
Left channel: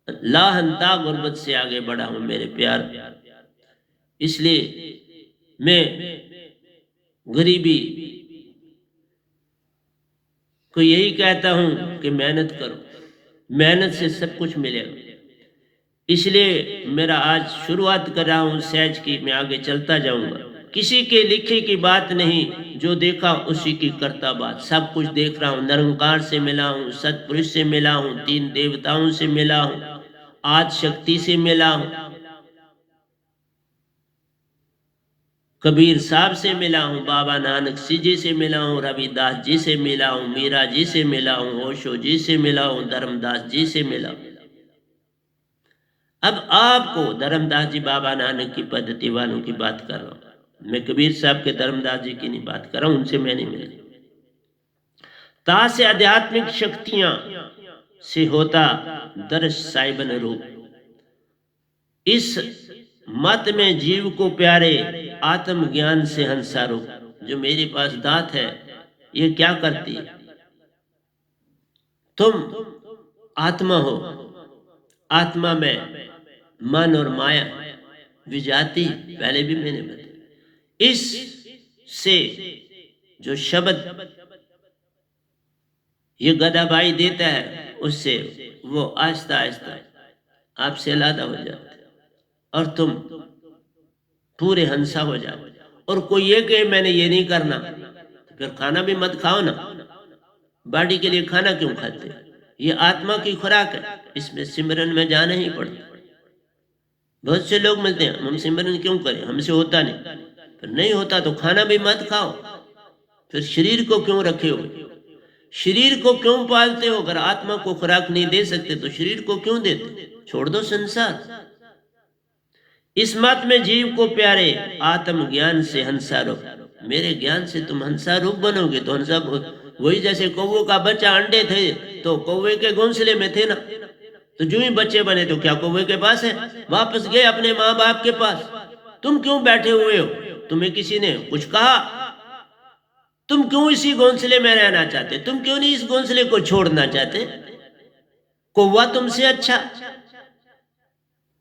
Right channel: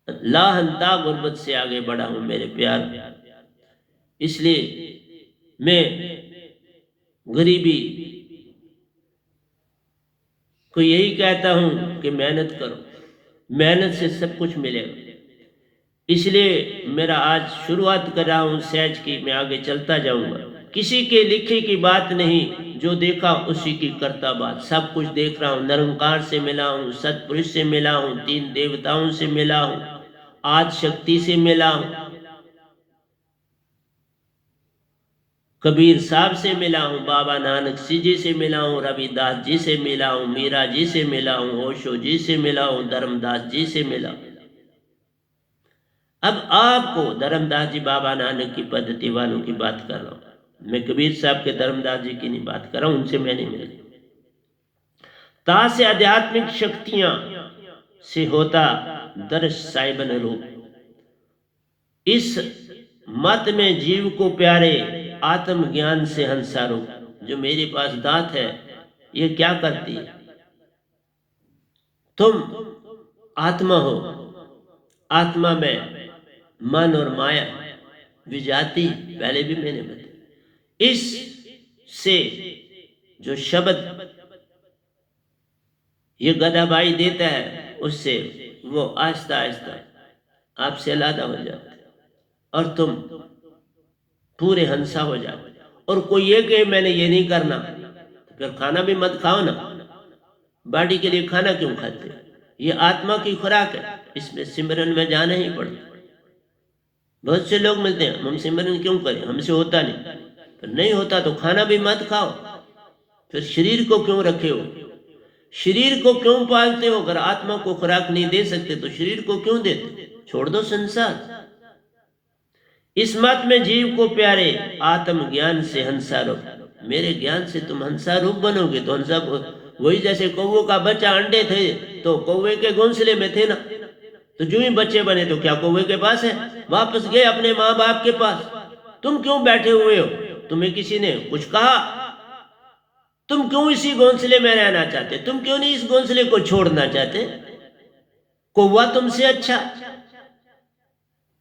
लाहनता गुर्बत से आगे बढ़ा हूं मेरे प्यार। इसलिए मैं गरीबी को यही कहता हूं कि मेहनत करो, मेहनत से सब कुछ मिलेगा। इसलिए मेरा आज शुरुआत कर रहा हूं सहज की, मैं आगे चलता जाऊंगा। किसी के लिखे की बात नहीं, जो देखा उसी की करता बात। सब कुछ देख रहा हूं, निरंकार से मिला हूं, सतपुरुष से मिला हूं, 3 देवताओं से मिला हूं, आज शक्ति से मिला हूं, कबीर साहब से मिला हूं, बाबा नानक जी से मिला हूं, रविदास जी से मिला हूं, मीरा जी से मिला हूं, ओशो जी से मिला हूं, धर्मदास जी से मिला हूं। अब आपको धर्मदास जी बाबा नानक की पद्धति वालों की बात कर रहा हूं, मैं कबीर साहब के धर्मदास जी की नहीं बात कर रहा हूं, उनसे मैं नहीं मिला। ता से आध्यात्मिक शक्तियां से होता दर्श साहिबन रूप। इस मत में जीव को प्यारे आत्म ज्ञान से हंसा रूप। जो मेरे पास दांत है ये क्या करती है? तुम आत्मा हो, आत्मा में मन और माया विजाती, पहले भी मैंने बताया। इस से जो शब्द ये गधा भाई देता है, उससे वो आहिस्ता आहिस्ता आपसे अलग हो जाता है और तुम पूरे हंसा हो जाते। और कोई ये कहे मैंने ये नहीं करना, तो फिर खाना भी मत खाओ ना। बॉडी के लिए खाना क्यों खाते? ये आत्मा की खुराक है, इसमें सिमरन में जाना ही पड़ता। बहुत से लोग मिलते हैं, हम सिमरन क्यों करें, हमसे होता नहीं। तो नहीं होता तो खाना भी मत खाओ। फिर शरीर को क्यों रखे हो, शरीर को क्यों पालते हो? अगर आत्मा को खुराक नहीं दे सकते तो शरीर को क्यों देते? छोड़ दो संसार। इस मत में जीव को प्यारे आत्म ज्ञान से हंसा रूप। मेरे ज्ञान से तुम हंसा रूप बनोगे तो हंसा वही, जैसे कौवे का बच्चा अंडे थे तो कौवे के घोंसले में थे ना, तो जो ही बच्चे बने तो क्या कौवे के पास है? वापस गए अपने माँ बाप के पास। तुम क्यों बैठे हुए हो? तुम्हें किसी ने कुछ कहा? तुम क्यों इसी घोंसले में रहना चाहते? तुम क्यों नहीं इस घोंसले को छोड़ना चाहते? कौवा तुमसे अच्छा,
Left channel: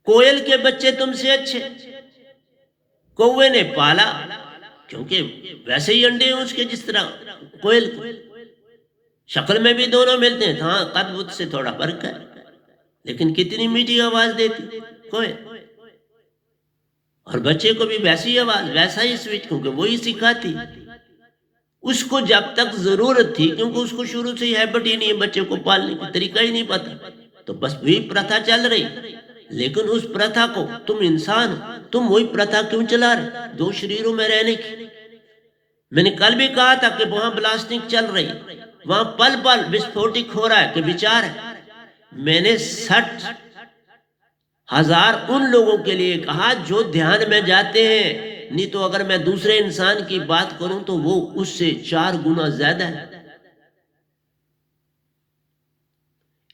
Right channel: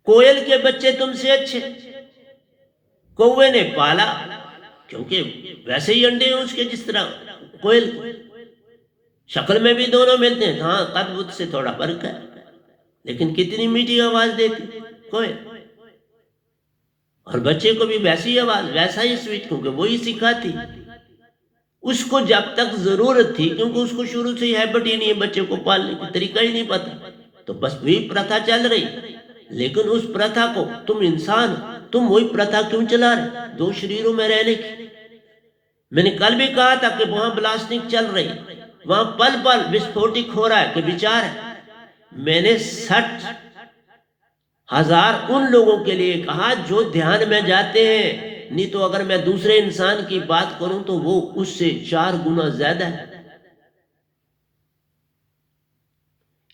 कोयल के बच्चे तुमसे अच्छे। कौवे ने पाला क्योंकि वैसे ही अंडे हैं उसके जिस तरह कोयल के। शक्ल में भी दोनों मिलते हैं, हाँ कद बुद्ध से थोड़ा फर्क है, लेकिन कितनी मीठी आवाज देती कोयल। और बच्चे को भी वैसी आवाज, वैसा ही स्वीट, क्योंकि वही सिखाती। उसको जब तक जरूरत थी, क्योंकि उसको शुरू से ही हैबिट ही नहीं है बच्चे को पालने की, तरीका ही नहीं पता, तो बस वही प्रथा चल रही। लेकिन उस प्रथा को तुम इंसान, तुम वही प्रथा क्यों चला रहे? 2 शरीरों में रहने की। मैंने कल भी कहा था कि वहां ब्लास्टिंग चल रही, वहां पल पल विस्फोटिक हो रहा है कि विचार है। मैंने 60,000 उन लोगों के लिए कहा जो ध्यान में जाते हैं, नहीं तो अगर मैं दूसरे इंसान की बात करूं तो वो उससे 4 गुना ज्यादा है।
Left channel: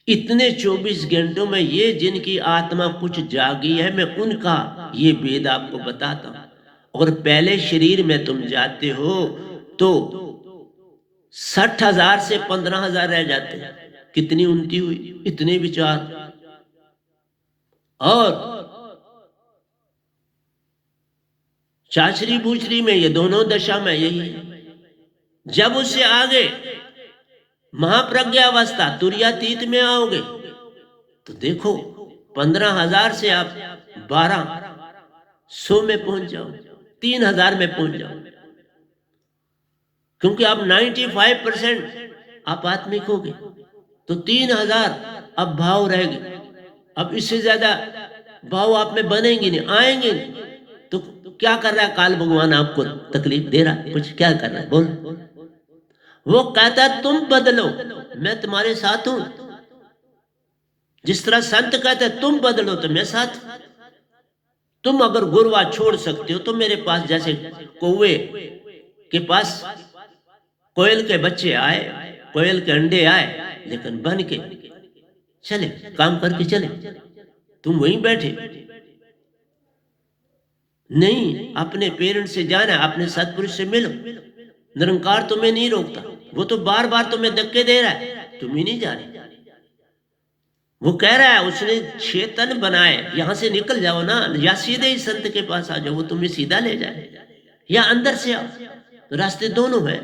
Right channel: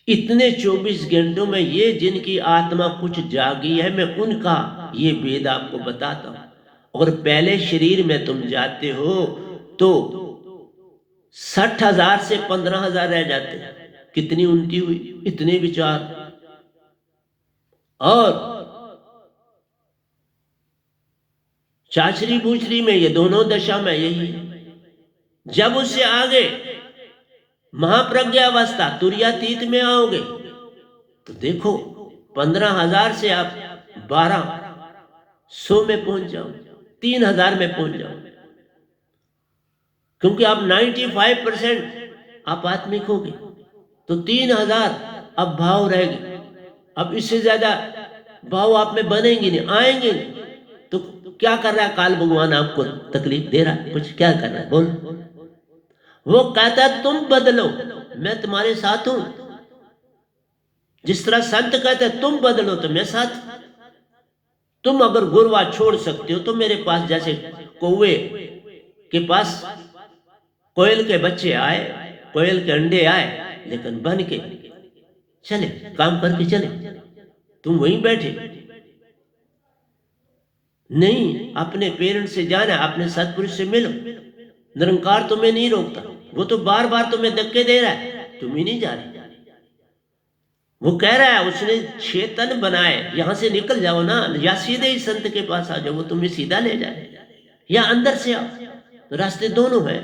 इतने 24 घंटों में ये जिनकी आत्मा कुछ जागी है, मैं उनका ये वेद आपको बताता हूं। और पहले शरीर में तुम जाते हो तो 60,000 से 15,000 रह जाते हैं। कितनी उन्नति हुई, इतने विचार। और चाचरी बूचरी में ये दोनों दशा में यही है। जब उससे आगे महाप्रज्ञावस्था तुर्यातीत में आओगे तो देखो 15,000 से आप 1200 में पहुंच जाओ, 3,000 में पहुंच जाओ, क्योंकि आप 95% आप आत्मिक हो गए। तो 3,000 अब भाव रहेंगे। अब इससे ज्यादा भाव आप में बनेंगे नहीं, आएंगे नहीं। तो क्या कर रहा है काल भगवान? आपको तकलीफ दे रहा है कुछ? क्या कर रहा है बोल? वो कहता है तुम बदलो, मैं तुम्हारे साथ हूं। जिस तरह संत कहते हैं तुम बदलो तो मैं साथ। तुम अगर गुरवा छोड़ सकते हो तो मेरे पास जैसे कौवे के पास कोयल के बच्चे आए, कोयल के अंडे आए, लेकिन बन के चले, काम करके चले, तुम वहीं बैठे नहीं। अपने पेरेंट्स से जाना, अपने सतपुरुष से मिलो। निरंकार तुम्हें नहीं रोकता, वो तो बार बार तुम्हें धक्के दे रहा है, तुम ही नहीं जा रहे। वो कह रहा है उसने 6 तन बनाए, यहां से निकल जाओ ना, या सीधे ही संत के पास आ जाओ, वो तुम्हें सीधा ले जाए, या अंदर से आओ। तो रास्ते दोनों है।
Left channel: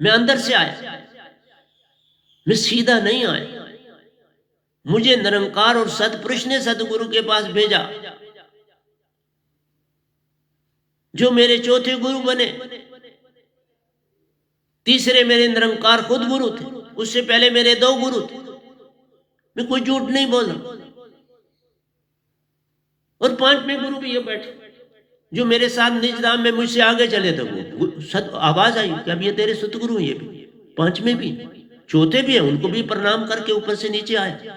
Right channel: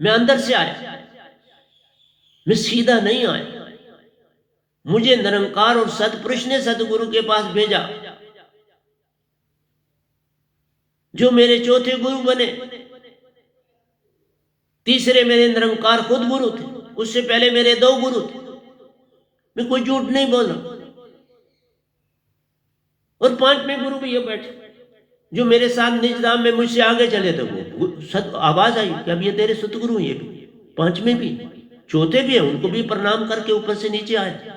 मैं अंदर से आया, मैं सीधा नहीं आया, मुझे निरंकार और सतपुरुष ने सतगुरु के पास भेजा, जो मेरे चौथे गुरु बने। तीसरे मेरे निरंकार खुद गुरु थे, उससे पहले मेरे 2 गुरु थे। मैं कोई झूठ नहीं बोल रहा। और 5वें गुरु भी ये बैठे, जो मेरे साथ निज धाम में मुझसे आगे चले थे। वो आवाज आई कि अब ये तेरे सतगुरु, ये भी 5वें भी, चौथे भी है, उनको भी प्रणाम करके ऊपर से नीचे आए।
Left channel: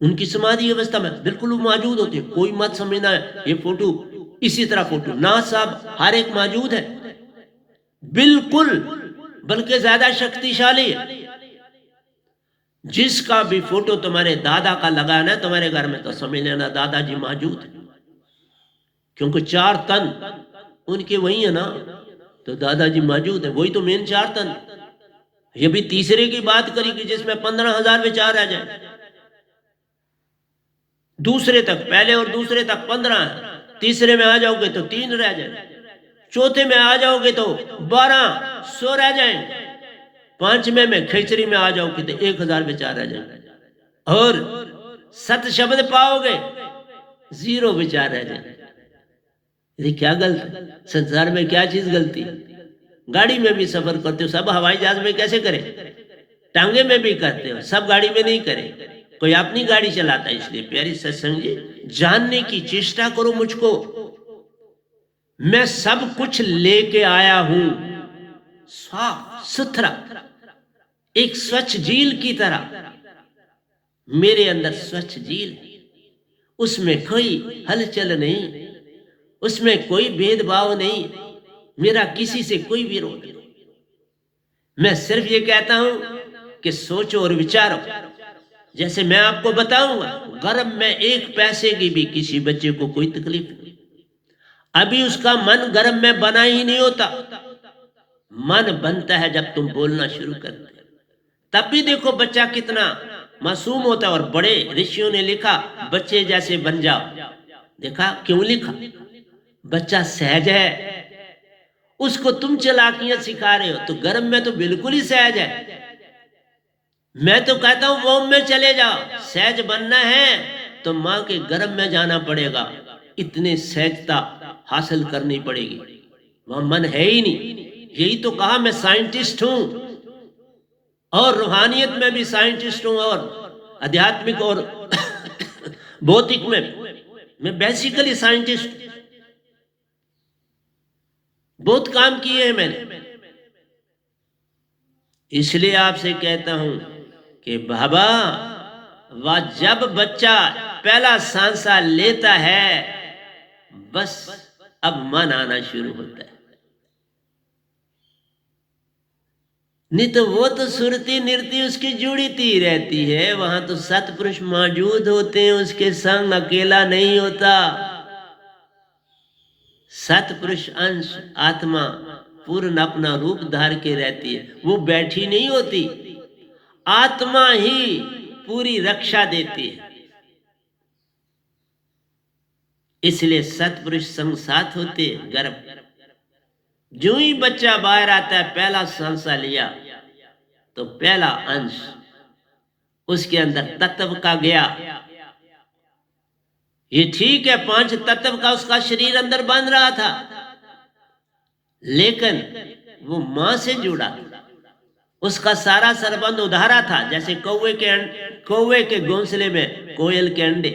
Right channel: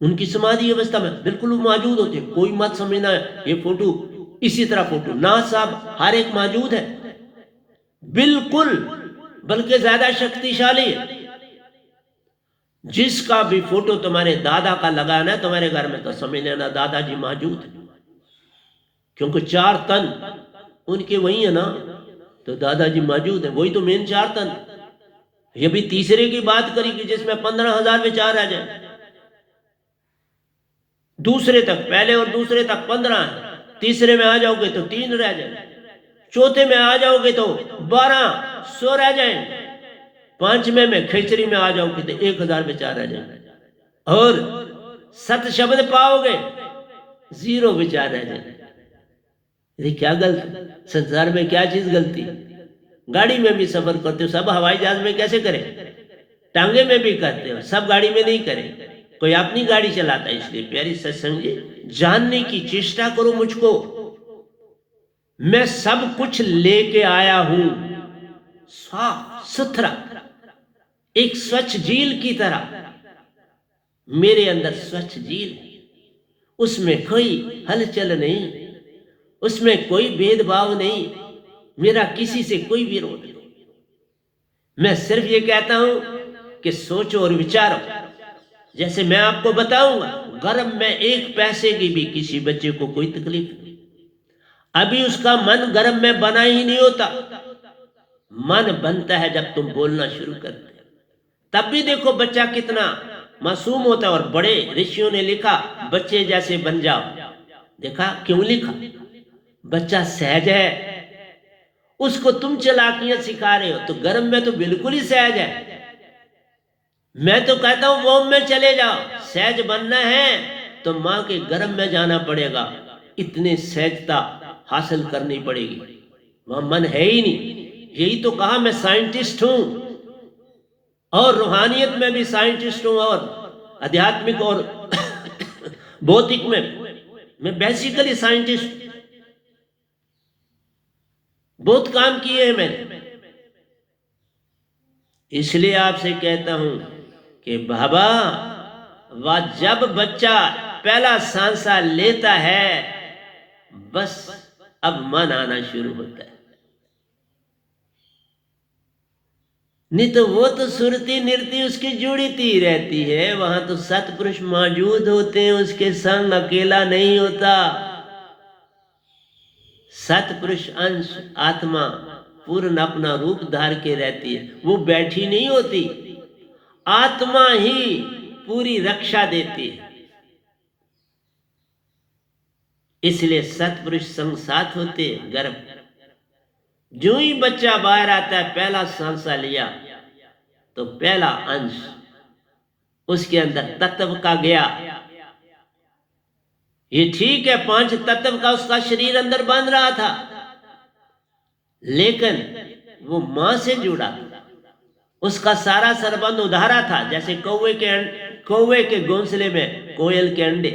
उनकी समाधि अवस्था में बिल्कुल मौजूद होते। कोई मत समझना है ये फोटो इसी तरह फोटो ना, साहब हर एक मौजूद है बिल्कुल, बल्कि ज्यादा शक्तिशाली है। जिसका भी फोटो तुम्हारे दादा का लगाना है तुम्हारे घर में, तो समझ लेना दादाजी मौजूद है, क्योंकि 4 तन उनके वही है ना, तो दादाजी मौजूद है। वही तो मेन 4 तन। ये भी तीसरे की बात करी कि जिसमें 15,000 विचार आ जाए। दूसरे तक, पहले और दूसरे तक 15 है, तीसरे में आ जाओगे तो 3 रह जाए, चौथे में आ जाओगे तो 1200 रह जाएंगे, 5वें में खिचड़ी में आ जाओगे तो 1000 विचार आ जाएंगे, और सत शब्द पाओगे 0 विचार रह जाएंगे। ये क्या गलत, संसार में क्या चीज गलती? गाड़ी में भी सफर करते हो, सब हवाई जहाज में कैसे करें? टांगे में भी करते हो, सब गाड़ी में नहीं करें। कोई अपनी गाड़ी चलाता है। इसलिए प्यारी सत्संग जी, जानने की चेष्टा करो मुझको। मैं सब कुछ लेके आया हूं, साफ सुथरा, एक स्वच्छ झील की तरह। मेरे अंदर स्वच्छ झील, उसमें कोई हलचल नहीं, उसमें कोई भेदभाव नहीं, मेरा किसी से कोई विरोध नहीं। मैं सिर्फ ये कहता हूं कि सोचो और विचारो। जैसे मैं आपको बताऊंगा, गर्भ में 1 पैसे की भी किसी बच्चे को कोई तकलीफ नहीं। अभी उसका मन गर्भ में बना ही नहीं होता। मन बनता है जब तुम बोलना शुरू करते हो, तब भी देखो बच्चा कितना मासूम होता है। और बड़े ऋषियों ने लिखा, बच्चे जैसे बन जाओ। देखा क्यों लिखा? बच्चा सहज है, उसको तुम चालाकियां सिखा रहे हो, तो गर्भ में तो बिल्कुल ही सहज है। मैं तो कहता हूं वोम में चले जाओ। सहज बनना है तो मां के गर्भ में जाना पड़ेगा, इतने सहजता हासिल करनी पड़ेगी। वहां मन है ही नहीं। यही तो कहा मैं साइंटिस्ट हूं, और रूहानियत में भी साइंटिस्ट हूं, और आध्यात्मिक और भौतिक में मैं बेसिकली साइंटिस्ट। बहुत काम किए हैं मैंने। इसलिए आपसे कहता हूं कि बाबा, वह जब बच्चा पहला सांसा लेता है, बस अब मन आना शुरू होता है। नहीं तो वो तो सुरती नृत्य उसकी जुड़ती रहती है। वहां तो सतपुरुष मौजूद होते हैं, उसके संग अकेला नहीं होता। सतपुरुष अंश आत्मा पूर्ण अपना रूप धार के रहती है, वो बैठी नहीं होती। आत्मा ही पूरी रक्षा देती है। इसलिए सतपुरुष संग साथ होते हैं। गर्भ जो ही बच्चा बाहर आता है, पहला सांसा लिया तो पहला अंश उसके अंदर तत्व का गया। ये ठीक है, 5 तत्व का उसका शरीर अंदर बन रहा था, लेकिन वो मां से जुड़ा था। उसका सारा संबंध उधारा था। जैसे कौवे के घोंसले में कोयल के अंडे,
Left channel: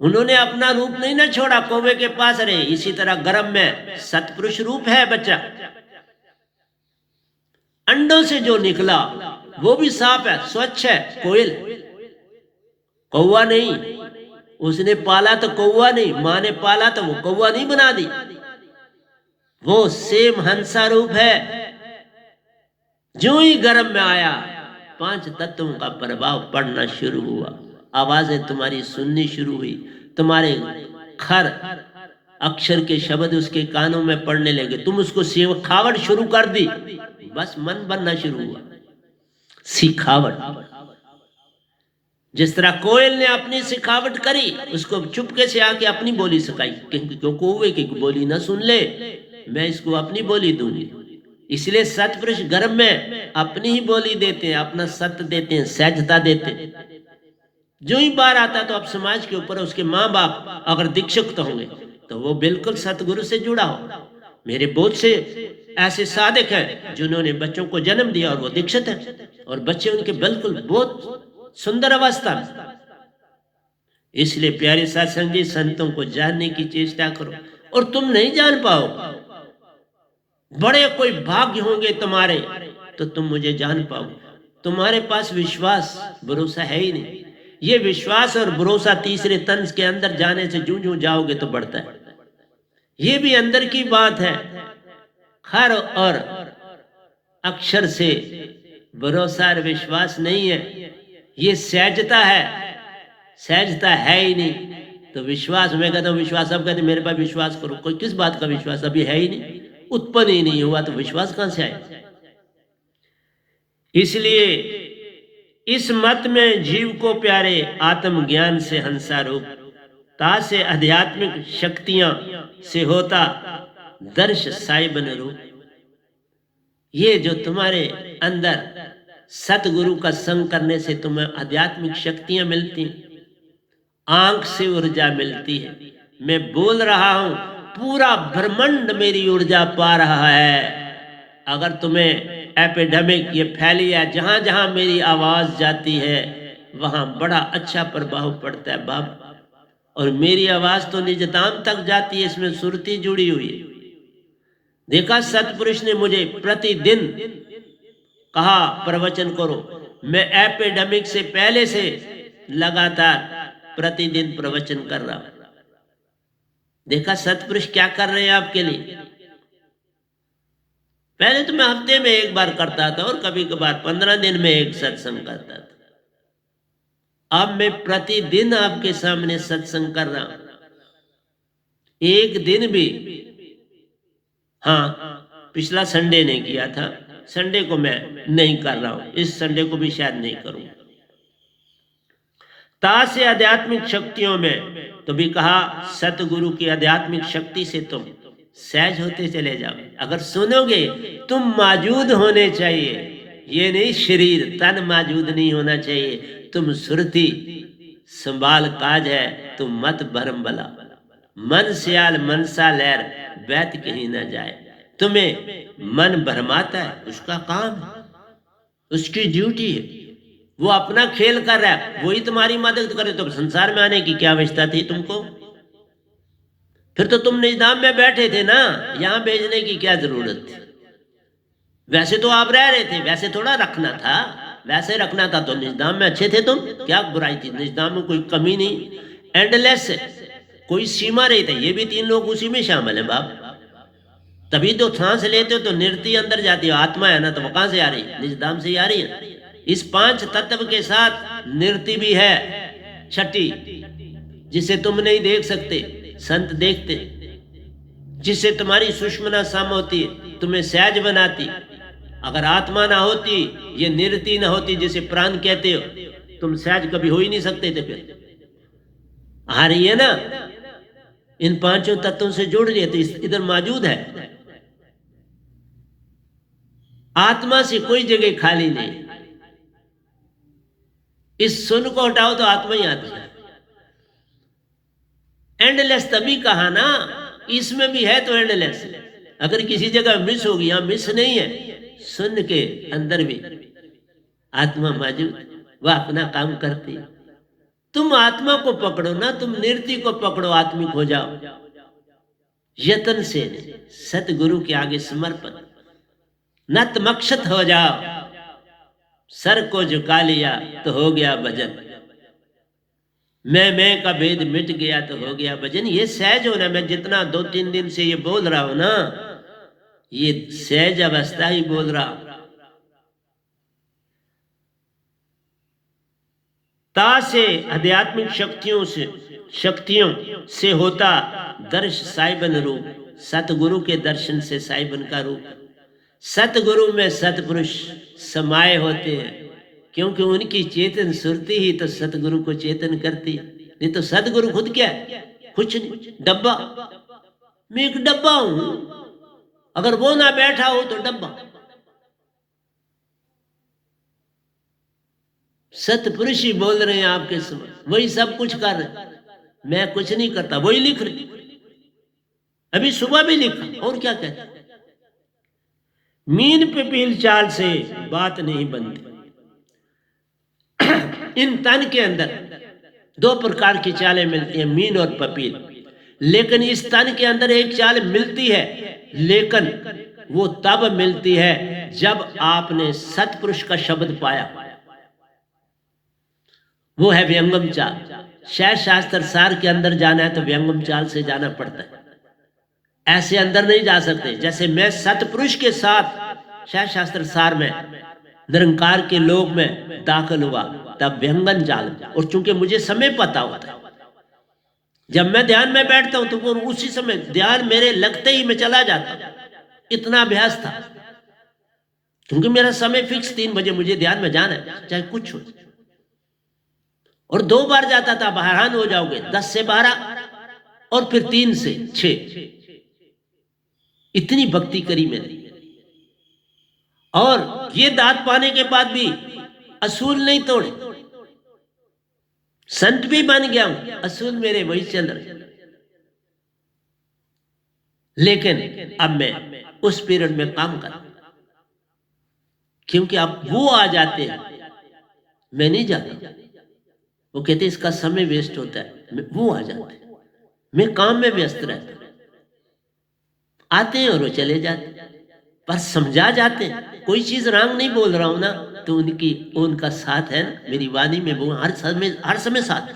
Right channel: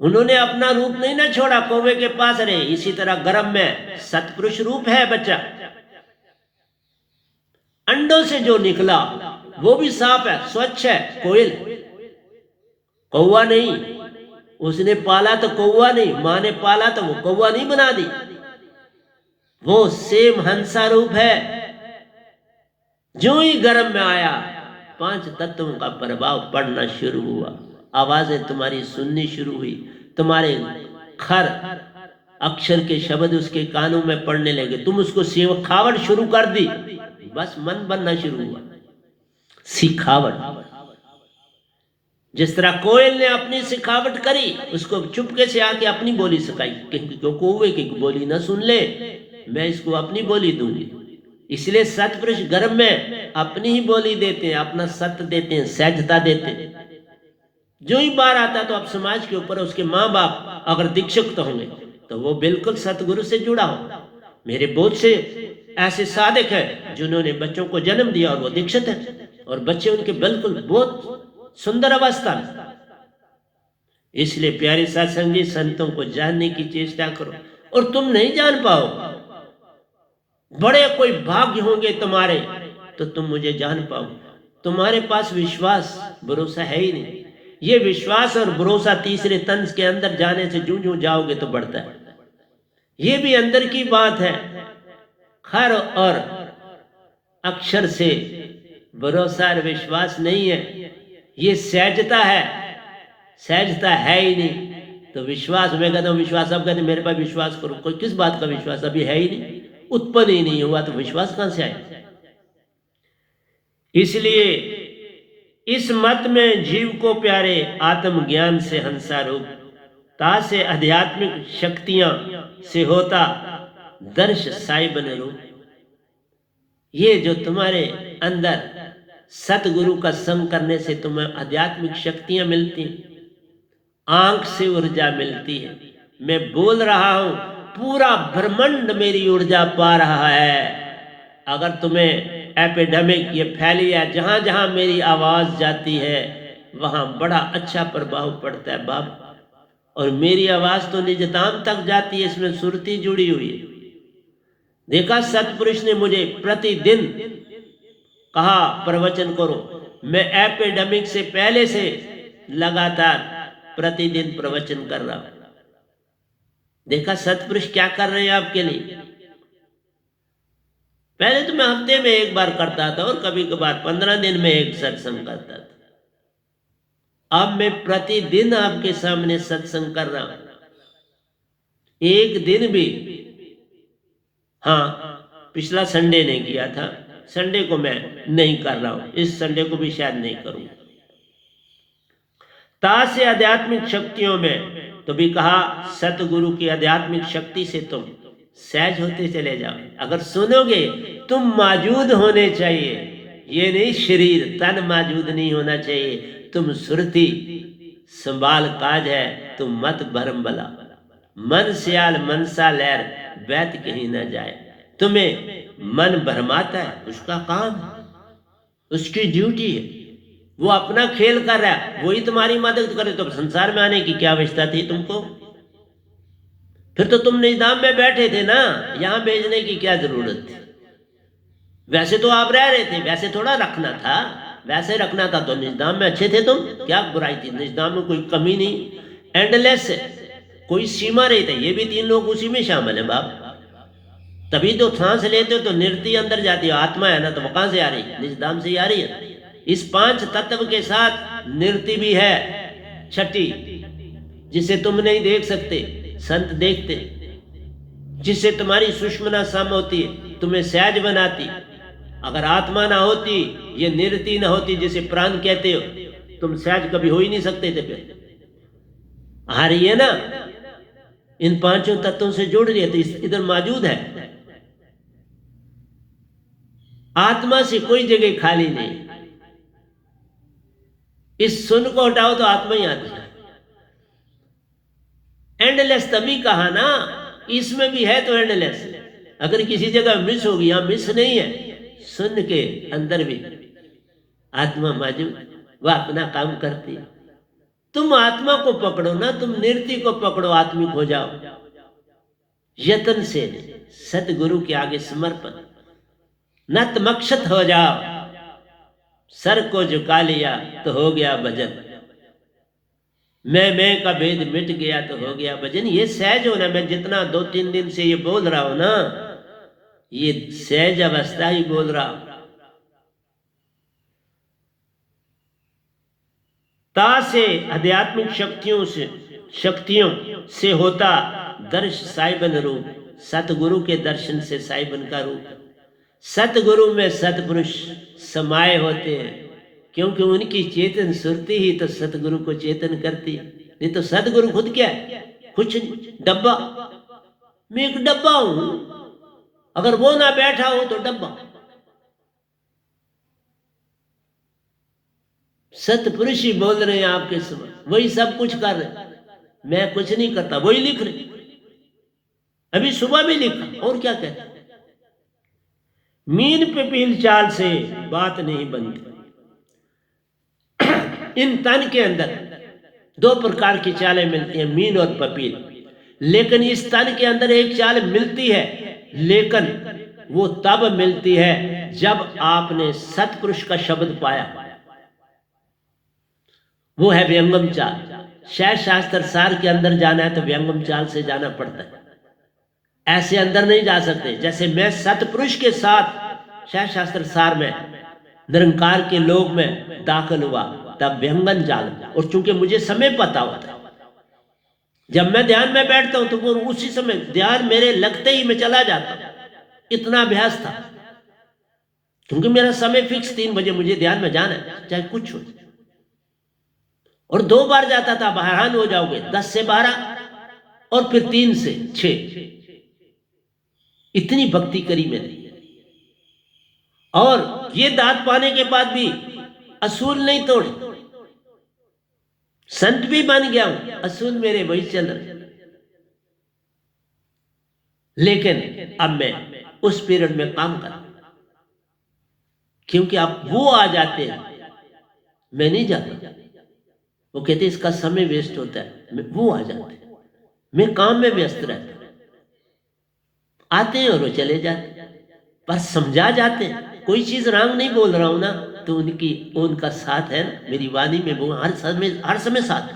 उन्होंने अपना रूप नहीं ना छोड़ा, कौवे के पास रहे। इसी तरह गर्भ में सतपुरुष रूप है बच्चा। अंडों से जो निकला वो भी साफ है, स्वच्छ है, कोयल, कौवा नहीं। उसने पाला तो कौवा नहीं, मां ने पाला तो वो कौवा नहीं बना दी। वो सेम हंसा रूप है। जो ही गर्भ में आया, 5 तत्वों का प्रभाव पड़ना शुरू हुआ, आवाजें तुम्हारी सुननी शुरू हुई, तुम्हारे खर अक्षर के शब्द उसके कानों में पड़ने लगे, तुम उसको सिखावट शुरू कर दी, बस मन बनना शुरू हुआ। सिखावट, जिस तरह कोयल ने अपनी सिखावट करी, उसको चुपके से आके अपनी बोली सिखाई, क्यों कौवे की बोली ना सुन ले, मैं इसको अपनी बोली दूंगी। इसलिए सतपुरुष गर्भ में अपनी ही बोली देते हैं, अपना सत्य देते हैं, सहजता देते हैं। जो ही बार आता तो अब समाज के ऊपर उसके माँ बाप अगर दीक्षित होंगे तो वो बिल्कुल सतगुरु से जुड़ा हो। मेरे बहुत से ऐसे साधक हैं जिन्होंने बच्चों को जन्म दिया और वो दीक्षित है, और बच्चे उनके बिल्कुल बहुत सुंदर अवस्था में। इसलिए प्यारे सत्संगी, संतों को जानने की चेष्टा करो, और तुम नहीं जान पाओ, बड़े कोई भाग्य होंगे तुम्हारे तो तुम मुझे जान पाओ। तुम्हारे पास विश्वास भरोसा है ही नहीं। ये विश्वास और भरोसा तीसरे तंज के अंदर जाने से जूं जूं जाओगे तो बढ़ता है। ये भी अंदर की बात है। खर और अक्षर से भरोसा और विश्वास नहीं है, ये सहजता है। सहजता है ही नहीं तो विश्वास, मैं कहता हूं विश्वास, अब कहते मेरे पास विश्वास करो, कोई किस बात का विश्वास? अभी है ही नहीं, उत्पन्न ही नहीं हुआ तो विश्वास कहां से आए? इसलिए इस मत में जीव को प्यारे आत्मज्ञान से हंसा रूप, ता से आध्यात्मिक शक्तियां से होता दर्श साइबन रूप। ये जो तुम्हारे अंदर सतगुरु का संग करने से तुम्हें आध्यात्मिक शक्तियां मिलती, आंख से ऊर्जा मिलती है। मैं बोल रहा हूं, पूरा ब्रह्मांड मेरी ऊर्जा पा रहा है। अगर तुम्हें एपिडेमिक ये फैली है, जहां जहां मेरी आवाज जाती है वहां बड़ा अच्छा प्रभाव पड़ता है बाप। और मेरी आवाज तो निजधाम तक जाती है, इसमें सुरती जुड़ी हुई है। देखा, सतपुरुष ने मुझे प्रतिदिन कहा प्रवचन करो, मैं एपिडेमिक से पहले से लगातार प्रतिदिन प्रवचन कर रहा हूं। देखा सतपुरुष क्या कर रहे हैं आपके लिए। पहले तो मैं हफ्ते में एक बार करता था और कभी कभार 15 दिन में एक सत्संग करता था। अब मैं प्रतिदिन आपके सामने सत्संग कर रहा हूं। एक दिन भी, हाँ, पिछला संडे ने किया था, संडे को मैं नहीं कर रहा हूं, इस संडे को भी शायद नहीं करूंगा। ता से आध्यात्मिक शक्तियों में तो भी कहा, सतगुरु की आध्यात्मिक शक्ति से तुम सहज होते चले जाओ। अगर सुनोगे, तुम मौजूद होने चाहिए, ये नहीं शरीर तन मौजूद नहीं होना चाहिए। तुम सुरती संभाल काज है, तुम मत भरम बला, मन सियाल मनसा लहर बैत कहीं ना जाए। तुम्हें मन भरमाता है, उसका काम है, उसकी ड्यूटी है, वो अपना खेल कर रहा है, वही तुम्हारी मदद करे। तो संसार में आने की क्या आवश्यकता थी तुमको? फिर तो तुम निजाम में बैठे थे ना, यहां भेजने की क्या जरूरत थी? वैसे तो आप रह रहे थे, वैसे थोड़ा रखना था, वैसे रखना था तो निजाम में अच्छे थे तुम, क्या बुराई थी? निजाम में कोई कमी नहीं, एंडलेस है, कोई सीमा नहीं था। ये भी 3 लोग उसी में शामिल है बाप। तभी तो सांस लेते हो तो निरति अंदर जाती है, आत्मा है ना, तो वो कहां से आ रही है? निजधाम से ही आ रही है। इस 5 तत्व के साथ निरति भी है, छठी, जिसे तुम नहीं देख सकते, संत देखते, जिससे तुम्हारी सुषमना सम होती है, तुम्हें सहज बनाती। अगर आत्मा ना होती, ये निरति ना होती, जिसे प्राण कहते हो, तुम सहज कभी हो ही नहीं सकते थे। फिर आ रही है ना, इन 5 तत्वों से जुड़ रही है तो इधर मौजूद है। आत्मा से कोई जगह खाली नहीं। इस सुन को हटाओ तो आत्मा ही आती है। एंडलेस तभी कहा ना, इसमें भी है तो एंडलेस। अगर किसी जगह मिस होगी, यहां मिस नहीं है, सुन के अंदर भी आत्मा मौजूद, वह अपना काम करती है। तुम आत्मा को पकड़ो ना, तुम निरति को पकड़ो, आत्मिक हो जाओ यत्न से। सतगुरु के आगे समर्पण, नतमक्षत हो जाओ, सर को झुका लिया तो हो गया भजन। मैं का भेद मिट गया तो हो गया भजन। ये सहज होना। मैं जितना 2-3 दिन से ये बोल रहा हूं ना, ये सहज अवस्था ही बोल रहा हूं। ता से आध्यात्मिक शक्तियों से होता दर्श साहिबन रूप, सतगुरु के दर्शन से साहिबन का रूप। सतगुरु में सतपुरुष समाये होते हैं, क्योंकि उनकी चेतन सुरती ही तो सतगुरु को चेतन करती है। नहीं तो सतगुरु खुद क्या है? कुछ नहीं, डब्बा। मैं एक डब्बा हूं, अगर वो ना बैठा हो तो डब्बा। सतपुरुष ही बोल रहे हैं आपके समय, वही सब कुछ कर रहे। मैं कुछ नहीं करता, वही लिख रहे। अभी सुबह भी लिखा, और क्या कहते? मीन पे पील चाल से बात नहीं बनती। इन तन के अंदर दो प्रकार की चालें मिलती हैं, मीन और पपील। लेकिन इस तन के अंदर एक चाल मिलती है, लेकिन वो तब मिलती है जब आपने सतपुरुष का शब्द पाया। वो है व्यंगम चाल। शायद शास्त्र सार के अंदर जाना है तो व्यंगम चाल से जाना पड़ता है, ऐसे अंदर नहीं जा सकते। जैसे मैं सतपुरुष के साथ शायद शास्त्र सार में निरंकार के लोक में दाखिल हुआ, तब व्यंगन चाल। और चूंकि मुझे समय पता होता है, जब मैं ध्यान में बैठता हूं तो वो उसी समय ध्यान मेरे लगते ही मैं चला जाता। इतना अभ्यास था, क्योंकि मेरा समय फिक्स 3 बजे मुझे ध्यान में जाना है, चाहे कुछ हो। और 2 बार जाता था, हैरान हो जाओगे, 10 से 12 और फिर 3 से 6। इतनी भक्ति करी मैंने। और ये दांत पाने के बाद भी असूल नहीं तोड़े, संत भी बन गया हूं, असूल मेरे वही चल रहे। लेकिन अब मैं उस पीरियड में काम कर, क्योंकि अब वो आ जाते हैं, मैं नहीं जाता। वो कहते इसका समय वेस्ट होता है, वो आ जाते हैं, मैं काम में व्यस्त रहता। आते हैं और वो चले जाते, पर समझा जाते हैं। कोई चीज रंग नहीं बोल रहा हूं ना, तो उनका साथ है ना मेरी वाणी में, वो हर समय साथ।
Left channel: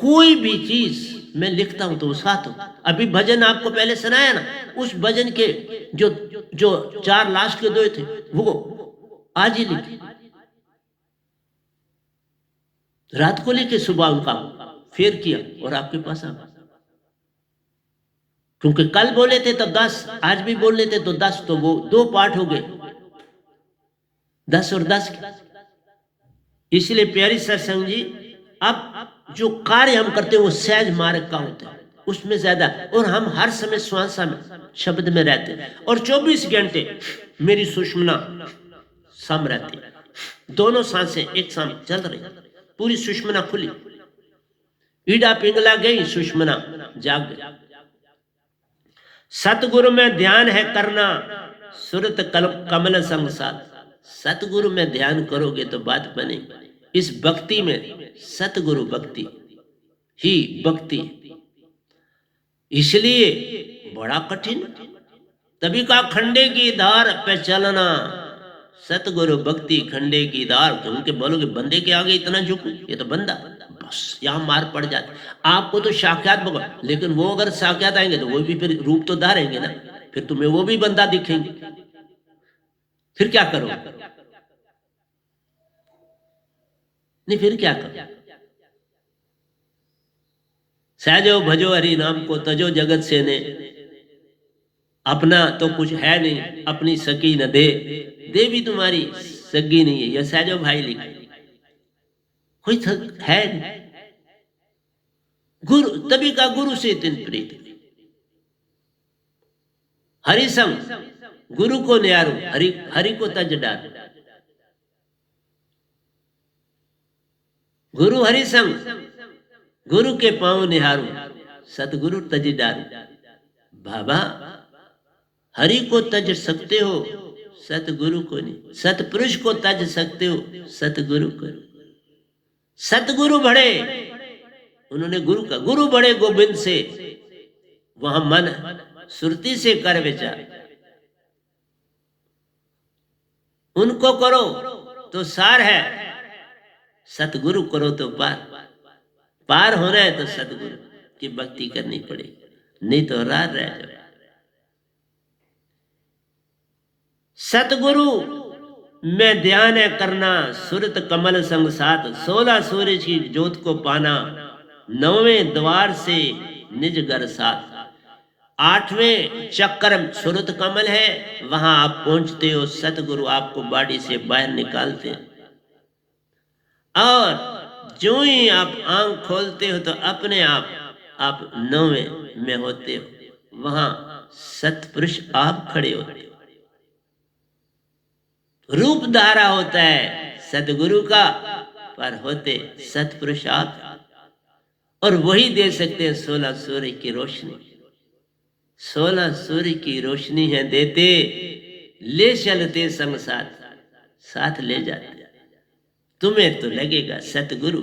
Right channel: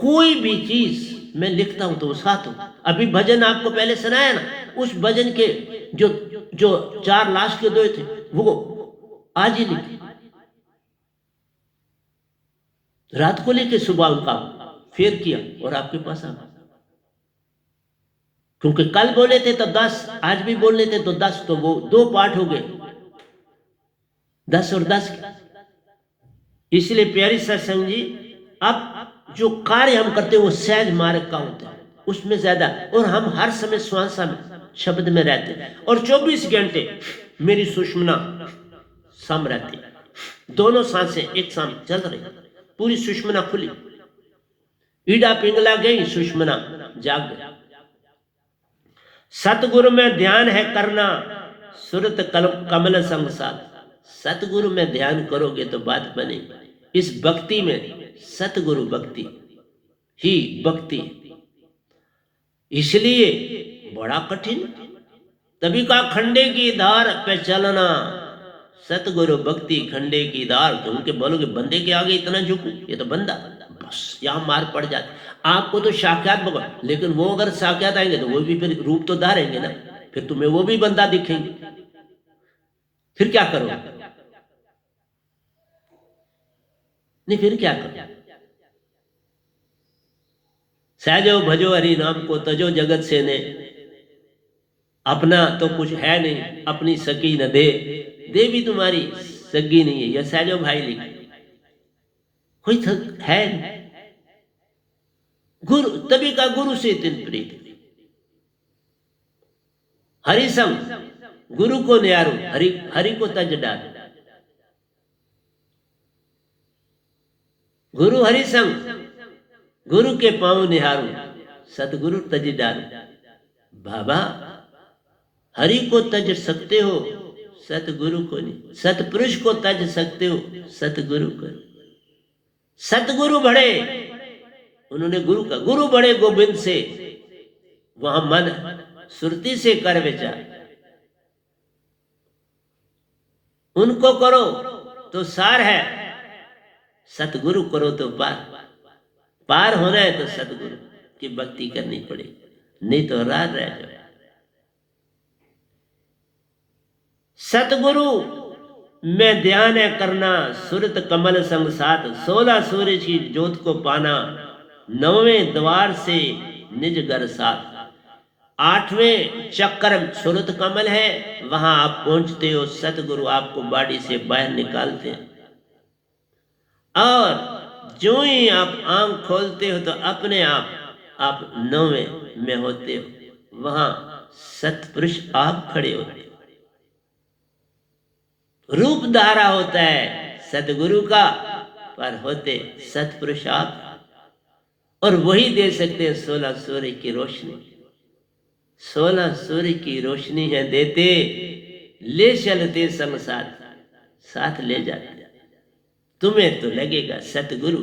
कोई भी चीज मैं लिखता हूं तो वो साथ हो। अभी भजन आपको पहले सुनाया ना, उस भजन के जो 4 लास्ट के 2 थे, वो आज ही लिखे, रात को लिखे, सुबह उनका फेर किया और आपके पास आ। क्योंकि कल बोले थे तो 10, आज भी बोल लेते तो 10, तो वो 2 पाठ हो गए, 10 और 10। इसलिए प्यारी सत्संग जी, अब जो कार्य हम करते हैं वो सहज मार्ग का होता है, उसमें ज्यादा। और हम हर समय श्वासा में शब्द में रहते हैं, और 24 घंटे मेरी सुषमना सम रहती है। दोनों सांसें एक साथ चल रही, पूरी सुषमना खुली। ईडा पिघला गई, सुषमना जाग गई। सतगुरु में ध्यान है करना, सुरत कमल संसार। सतगुरु में ध्यान करोगे तो बात बनेगी। इस भक्ति में सतगुरु भक्ति ही भक्ति, इसलिए बड़ा कठिन। तभी का खंडे की धार पे चलना, सतगुरु भक्ति खंडे की धार। क्योंकि बोलोगे बंदे के आगे इतना झुकू, ये तो बंदा, बस यहां मार पड़ जाती। आपको तो साक्षात भगवान, लेकिन वो अगर साक्षात आएंगे तो वो भी फिर रूप तो धारेंगे ना, फिर तुम्हें वो भी बंदा दिखेंगे, फिर क्या करो? नहीं, फिर क्या करो? सहजो भजो हरि नाम को, तजो जगत से ने। अपना तो कुछ है नहीं, अपनी सकी न दे, दे भी तुम्हारी सगी नहीं है। यह सहजो भाई लिखा, कोई है नहीं। गुरु, तभी का गुरु से दिन प्रीत। हरि संग गुरु को न्यारो, हरि को तज डाल। गुरु हरि संग गुरु के पांव निहारो, सतगुरु तज डाल। बाबा, हरि को तज सकते हो, सतगुरु को नहीं। सतपुरुष को तज सकते हो, सतगुरु को। सतगुरु बड़े, उन्होंने गुरु बड़े गोविंद से, वहां मन सुरती से कर विचार। उनको करो तो सार है, सतगुरु करो तो पार। पार होना है तो सतगुरु की भक्ति करनी पड़ेगी, नहीं तो रार रह जाए। सतगुरु में ध्यान है करना, सुरत कमल संग साथ, 16 सूरज की ज्योत को पाना, 9वें द्वार से निज घर साथ। 8वें चक्कर सुरत कमल है, वहां आप पहुंचते हो, सतगुरु आपको बाड़ी से बाहर निकालते हैं। और जो ही आप आंख खोलते हो तो अपने आप 9वें में होते हो, वहां सतपुरुष आप खड़े होते हो। रूप धारा होता है सतगुरु का, पर होते सतपुरुष आप, और वही दे सकते हैं 16 सूर्य की रोशनी। 16 सूर्य की रोशनी है देते, ले चलते संग साथ, साथ ले जाते। तुम्हें तो लगेगा सतगुरु।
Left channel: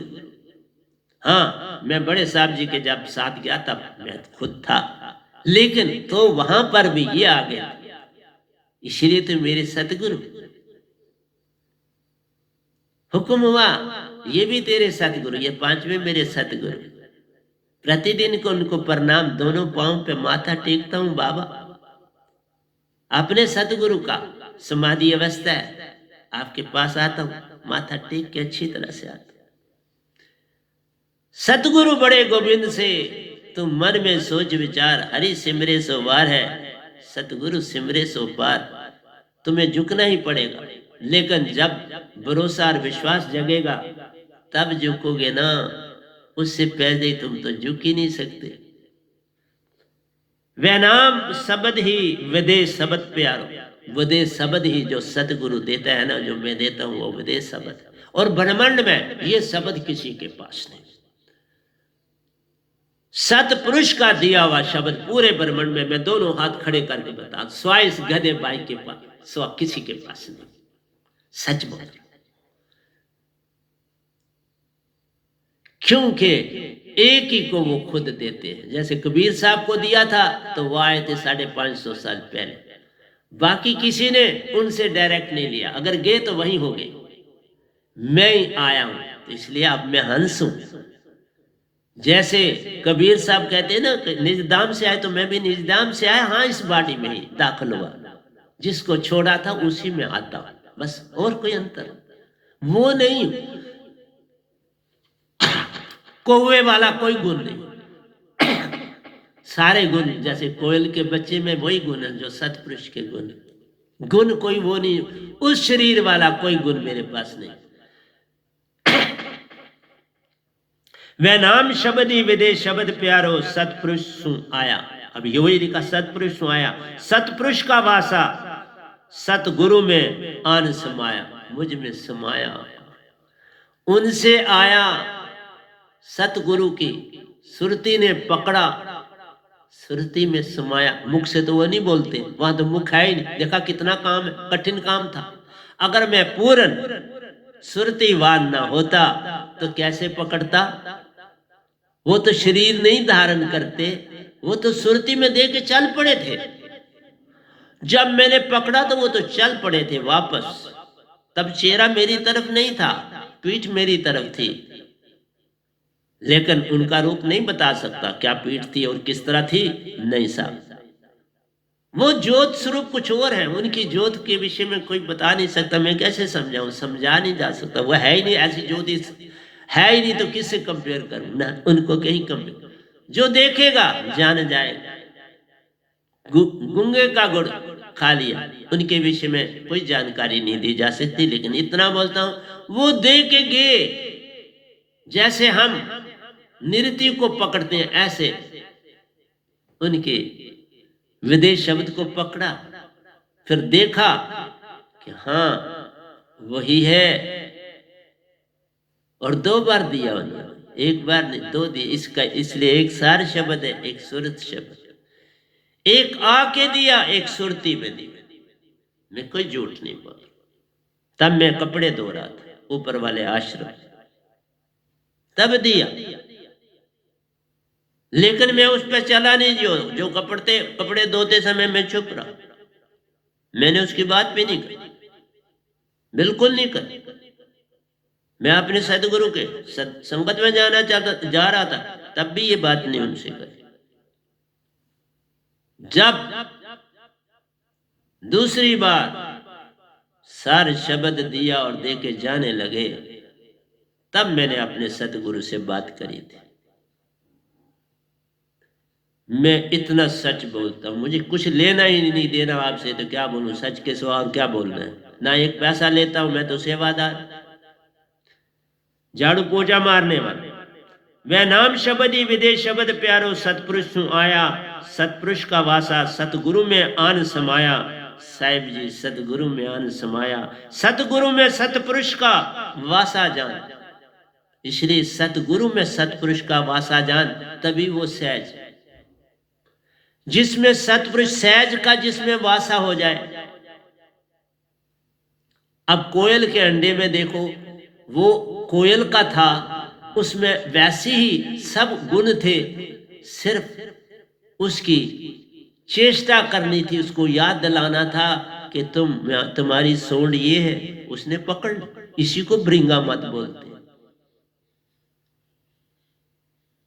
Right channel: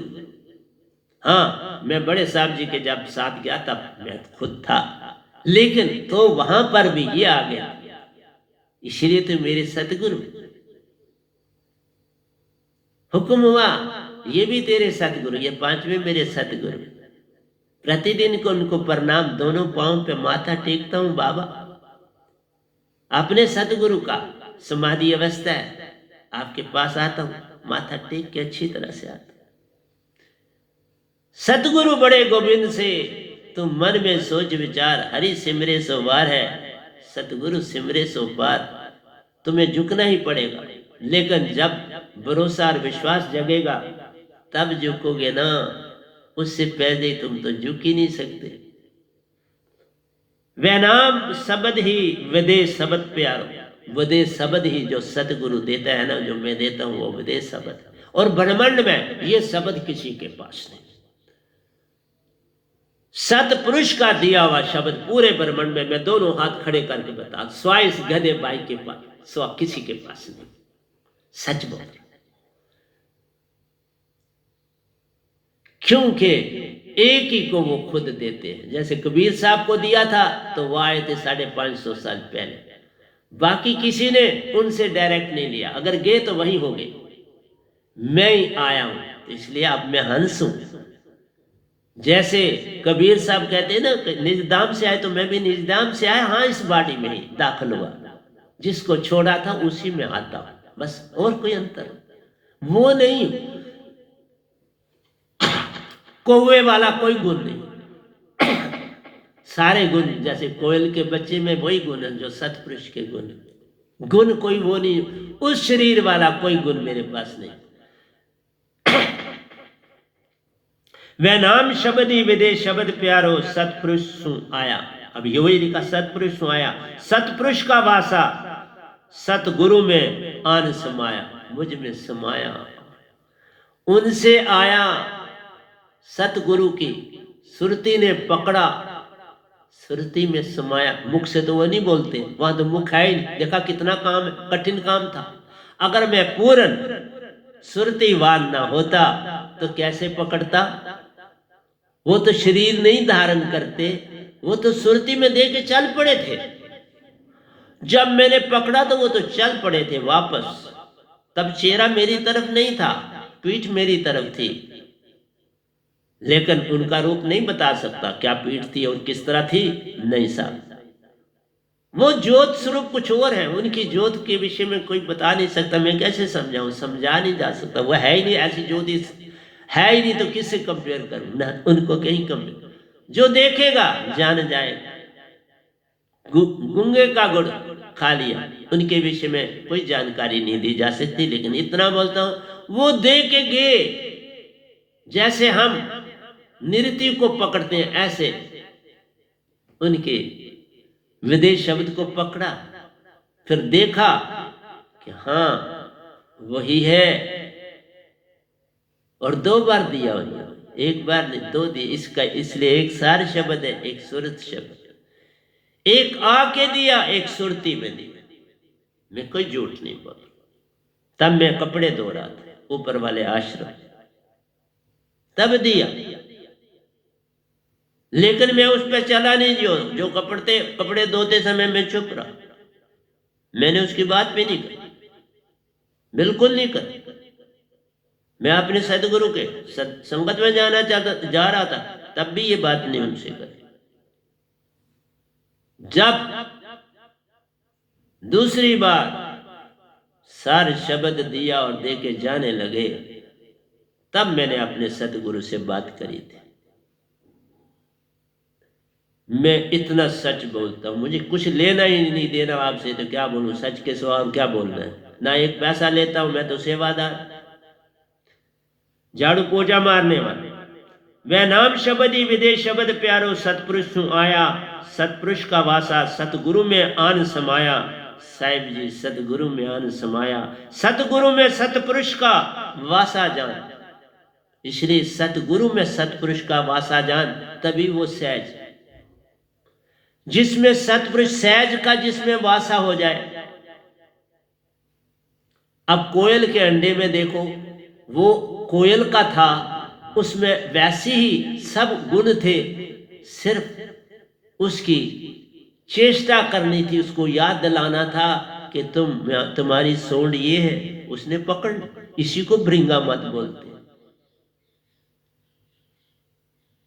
हाँ, मैं बड़े साहब जी के जब साथ गया था, मैं खुद था, लेकिन तो वहां पर भी ये आ गया, इसलिए तो मेरे सतगुरु। हुक्म हुआ, ये भी तेरे सतगुरु, ये 5वें मेरे सतगुरु। प्रतिदिन को उनको प्रणाम, दोनों पांव पे माथा टेकता हूं बाबा। अपने सतगुरु का समाधि अवस्था है, आपके पास आता हूं, माथा टेक के अच्छी तरह से आता। सतगुरु बड़े गोविंद से, तुम मन में सोच विचार, हरि सिमरे सो वार है, सतगुरु सिमरे सो पार। तुम्हें झुकना ही पड़ेगा, लेकिन जब भरोसा और विश्वास जगेगा तब झुकोगे ना, उससे पहले तुम तो झुक ही नहीं सकते। वह नाम शब्द ही विदेश शब्द प्यारो, विदेश शब्द ही जो सतगुरु देता है ना, जो मैं देता हूं वो विदेश शब्द। और ब्रह्मांड में ये शब्द किसी के पास नहीं। सतपुरुष का दिया हुआ शब्द पूरे ब्रह्मांड में, मैं दोनों हाथ खड़े करके बता, स्वा इस गधे भाई के पास, स्वा किसी के पास नहीं। सच बोल, क्योंकि एक ही को वो खुद देते हैं। जैसे कबीर साहब को दिया था तो वो आए थे 550 साल पहले, बाकी किसी ने उनसे डायरेक्ट नहीं लिया, अगर गए तो वहीं हो गए। मैं ही आया हूं, तो इसलिए अब मैं हंस हूं। जैसे कबीर साहब कहते हैं ना, निजदाम से आए, तो मैं भी निजदाम से आया, हाँ इस बाड़ी में ही दाखिल हुआ, जिसको छोड़ा था उसी में आता, बस और कोई अंतर वो नहीं। कौवे वाला कोई गुण नहीं, सारे गुण जैसे कोयल के बच्चे में वही गुण है जो सतपुरुष के गुण। गुण कोई वो नहीं, उस शरीर वाला कोई गुण मेरे पास नहीं। वह नाम शब्द ही विदेश शब्द प्यारो, सतपुरुष सु आया। अब यही लिखा, सतपुरुष सु आया, सतपुरुष का वासा, सतगुरु में आन समाया, मुझ में समाया। उनसे आया, सतगुरु की सुरती ने पकड़ा, सुरती में समाया। मुख से तो वो नहीं बोलते, वहां तो मुख है ही नहीं। देखा कितना काम, कठिन काम था। अगर मैं पूर्ण सुरतीवान ना होता तो कैसे पकड़ता? वो तो शरीर नहीं धारण करते, वो तो सुरती में दे के चल पड़े थे। जब मैंने पकड़ा तो वो तो चल पड़े थे वापस। तब चेहरा मेरी तरफ नहीं था, पीठ मेरी तरफ थी, लेकिन उनका रूप नहीं बता सकता क्या पीठ थी और किस तरह थी। नहीं साहब, वो ज्योत स्वरूप कुछ और है। उनकी ज्योत के विषय में कोई बता नहीं सकता, मैं कैसे समझाऊं, समझा नहीं जा सकता। वो है ही नहीं, ऐसी ज्योति है ही नहीं, तो किससे कंपेयर करूं ना, उनको कहीं कंपेयर। जो देखेगा जान जाएगा। गुंगे का गुड़ खा लिया, उनके विषय में कोई जानकारी नहीं दी जा सकती, लेकिन इतना बोलता हूं, वो दे के गए। जैसे हम नृत्य को पकड़ते हैं, ऐसे उनके विदेश शब्द को पकड़ा, फिर देखा कि हाँ वही है, और 2 बार दिया उन्होंने, 1 बार नहीं 2 दिए। इसका इसलिए एक सार शब्द है, एक सुरत शब्द, एक आके दिया, एक सुरती में दिया। मैं कोई झूठ नहीं बोल। तब मैं कपड़े धो रहा था ऊपर वाले आश्रम, तब दिया, लेकिन मैं उस पर चला नहीं। जो कपड़े धोते समय मैं चुप रहा, मैंने उसकी बात भी नहीं करी, बिल्कुल नहीं करी। मैं अपने सदगुरु के संगत में जा रहा था, तब भी ये बात नहीं उनसे करी। जब दूसरी बार सार शब्द दिया और दे के जाने लगे। तब मैंने अपने सतगुरु से बात करी थी। मैं इतना सच बोलता हूँ, मुझे कुछ लेना ही नहीं देना आपसे, तो क्या बोलूं, सच के सिवा और क्या बोलना है। ना एक पैसा लेता हूं, मैं तो सेवादार, झाड़ू पोछा मारने वाला। वह नाम शब्द ही विदेश शब्द प्यारो, सतपुरुष तू आया, सतपुरुष का वासा सतगुरु में आन समाया। साहिब जी सतगुरु में आन समाया, सतगुरु में सतपुरुष का वासा जान। इसलिए सतगुरु में सतपुरुष का वासा जान, तभी वो सहज, जिसमें सतपुरुष सहज का जिसमें वासा हो जाए। अब कोयल के अंडे में देखो, वो कोयल का था, उसमें वैसे ही सब गुण थे, सिर्फ उसकी चेष्टा करनी थी, उसको याद दिलाना था कि तुम्हारी सोंड ये है, उसने पकड़ ली। इसी को भृंगा मत बोलते।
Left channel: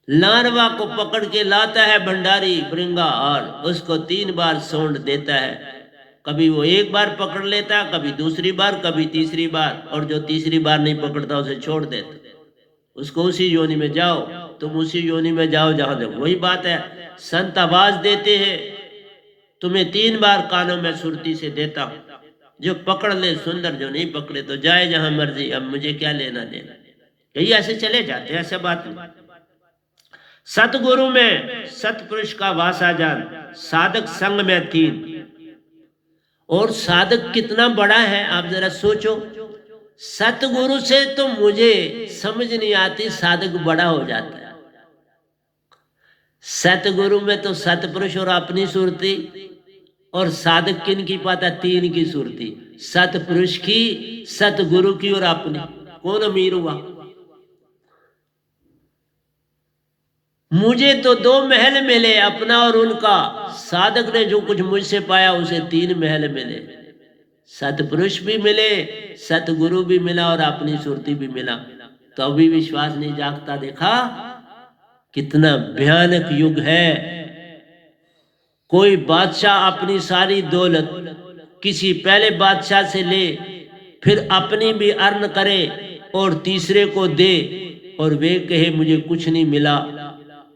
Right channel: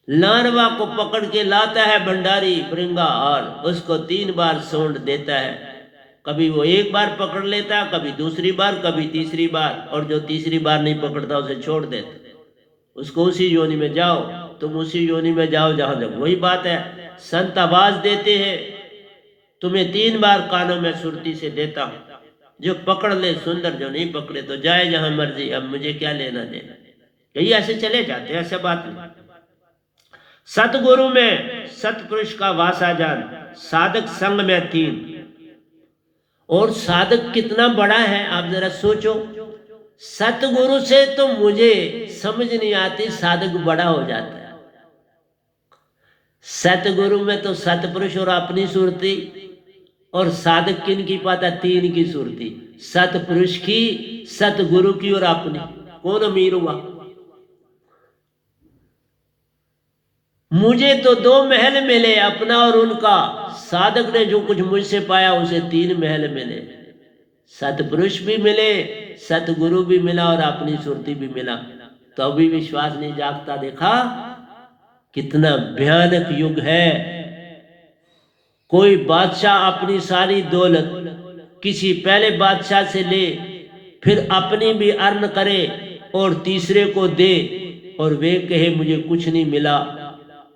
लार्वा को पकड़ के लाता है भंडारी भृंगा, और उसको 3 बार सोंड देता है। कभी वो 1 बार पकड़ लेता, कभी दूसरी बार, कभी तीसरी बार, और जो तीसरी बार नहीं पकड़ता उसे छोड़ देता। उसको उसी योनि में जाओ, तुम उसी योनि में जाओ जहां जाओ। वही बात है, संत आवाज देते हैं, तुम्हें 3 बार कानों में सुरती से देता हूं, जो पकड़ ले सुंदर, जो नहीं पकड़े तो जाए जहां मर्जी, अब मुझे क्या लेना देना। कई ऐसे चले जाते हैं, ऐसा बात नहीं। सतगुरु में सतपुरुष का वासा जान, साधक संग में 3। और साधक कितना बड़ा है आप जरा सोचो। सतगुरु से तो मुझे समझ नहीं आती, साधक बड़ा हो जाता है। सतगुरु में तो सतपुरुष और अपनी सुरती, और साधक किन की पाता, 3 की सुरती, सतपुरुष की, सतगुरु की और अपनी। कौन अमीर हुआ? मुझे तो 2 महल मिले, अपना और उनका। साधक ने जो कुछ मुझसे पाया उसे 3 महल मिले। सतपुरुष भी मिले, सतगुरु भी मिला, और अपनी सुरती भी मिला, तो अभी विश्वास नहीं जागता। देखा कितना भयानक युग है। कोई बादशाह अपनी सारी दौलत किसी पहले बादशाह से ले, फिर अपनी भी अर्न करे और तीसरे को दे, और वे कहे मुझे कुछ नहीं मिला,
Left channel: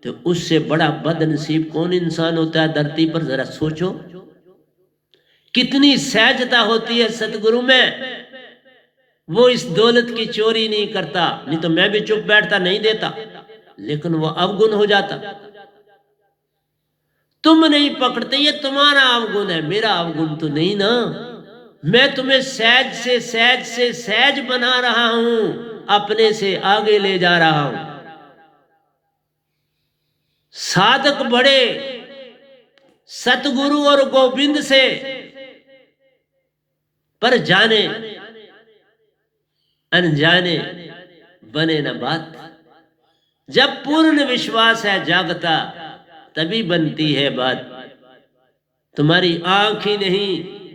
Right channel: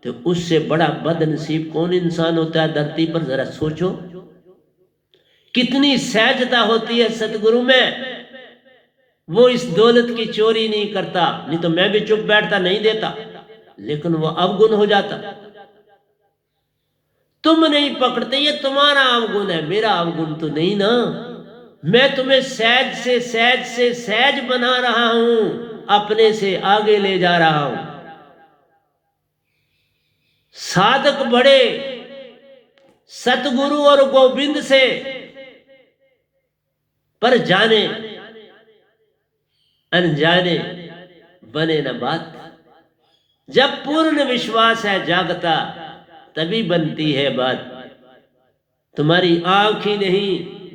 तो उससे बड़ा बदनसीब कौन इंसान होता है धरती पर? जरा सोचो, कितनी सहजता होती है सतगुरु में। वो इस दौलत की चोरी नहीं करता, नहीं तो मैं भी चुप बैठता, नहीं देता, लेकिन वो अवगुण हो जाता। तुम नहीं पकड़ते, ये तुम्हारा अवगुण है, मेरा अवगुण तो नहीं ना। मैं तुम्हें सहज से सहज से सहज बना रहा हूं, अपने से आगे ले जा रहा हूं। साधक बड़े सतगुरु और गोविंद से, पर जाने अनजाने बने न बात। जब पूर्ण विश्वास है जागता, तभी बनती है बात। तुम्हारी आंख ही नहीं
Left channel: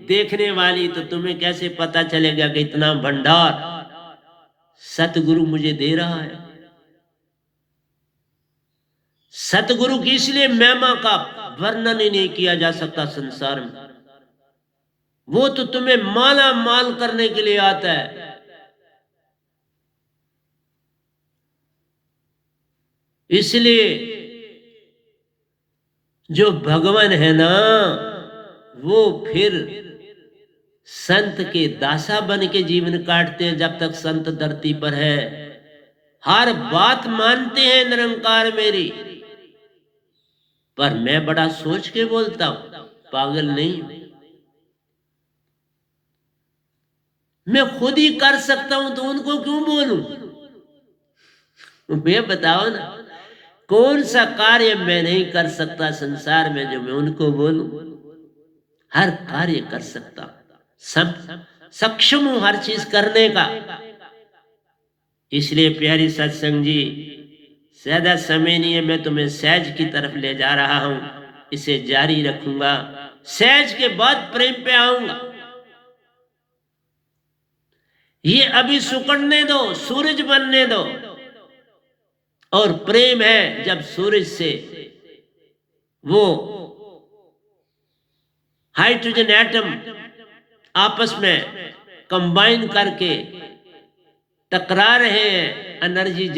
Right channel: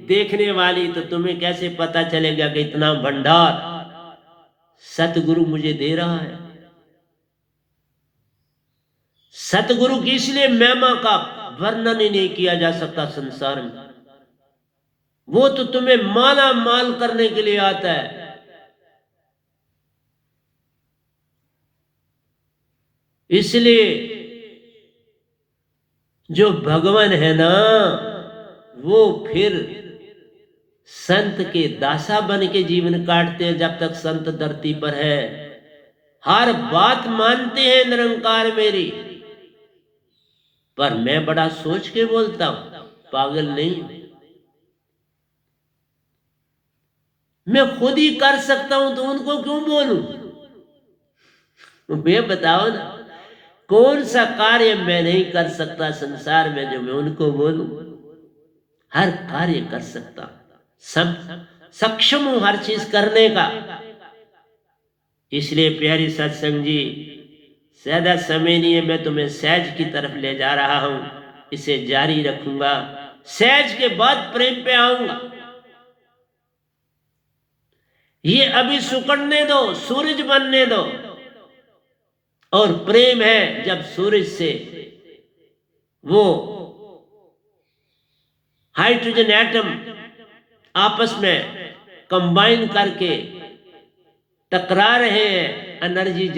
देखने वाली, तो तुम्हें कैसे पता चलेगा कि इतना भंडार सतगुरु मुझे दे रहा है। सतगुरु की इसलिए महिमा का वर्णन ही नहीं किया जा सकता संसार में। वो तो तुम्हें माला माल करने के लिए आता है। इसलिए जो भगवान है ना, वो फिर संत के दासा बन के जीवन काटते हैं जब तक संत धरती पर है। हर बात मानते हैं निरंकार मेरी, पर मैं बड़ा सोच के बोलता हूं, पागल नहीं। मैं खुद ही कर सकता हूं तो उनको क्यों बोलूं? वे बताओ ना, कौन सा कार्य मैं नहीं कर सकता संसार में जो मैं उनको बोलूं? हर कार्य कर सकता हूं, सब सक्षम हूं हर चीज करने का। इसलिए प्यारी सत्संग जी, ज्यादा समय नहीं है, मैं तुम्हें सहज की तरफ ले जा रहा हूं, इसे जारी रखूंगा। सहज के बाद प्रेम पे आऊंगा। ये अभी सुकड़ने दो, सूरज बनने दो। और प्रेम है जब सूरज से वो हाइड्रोजन एटम आपस में कंबाइन करके टकरा रहे हैं, एनर्जी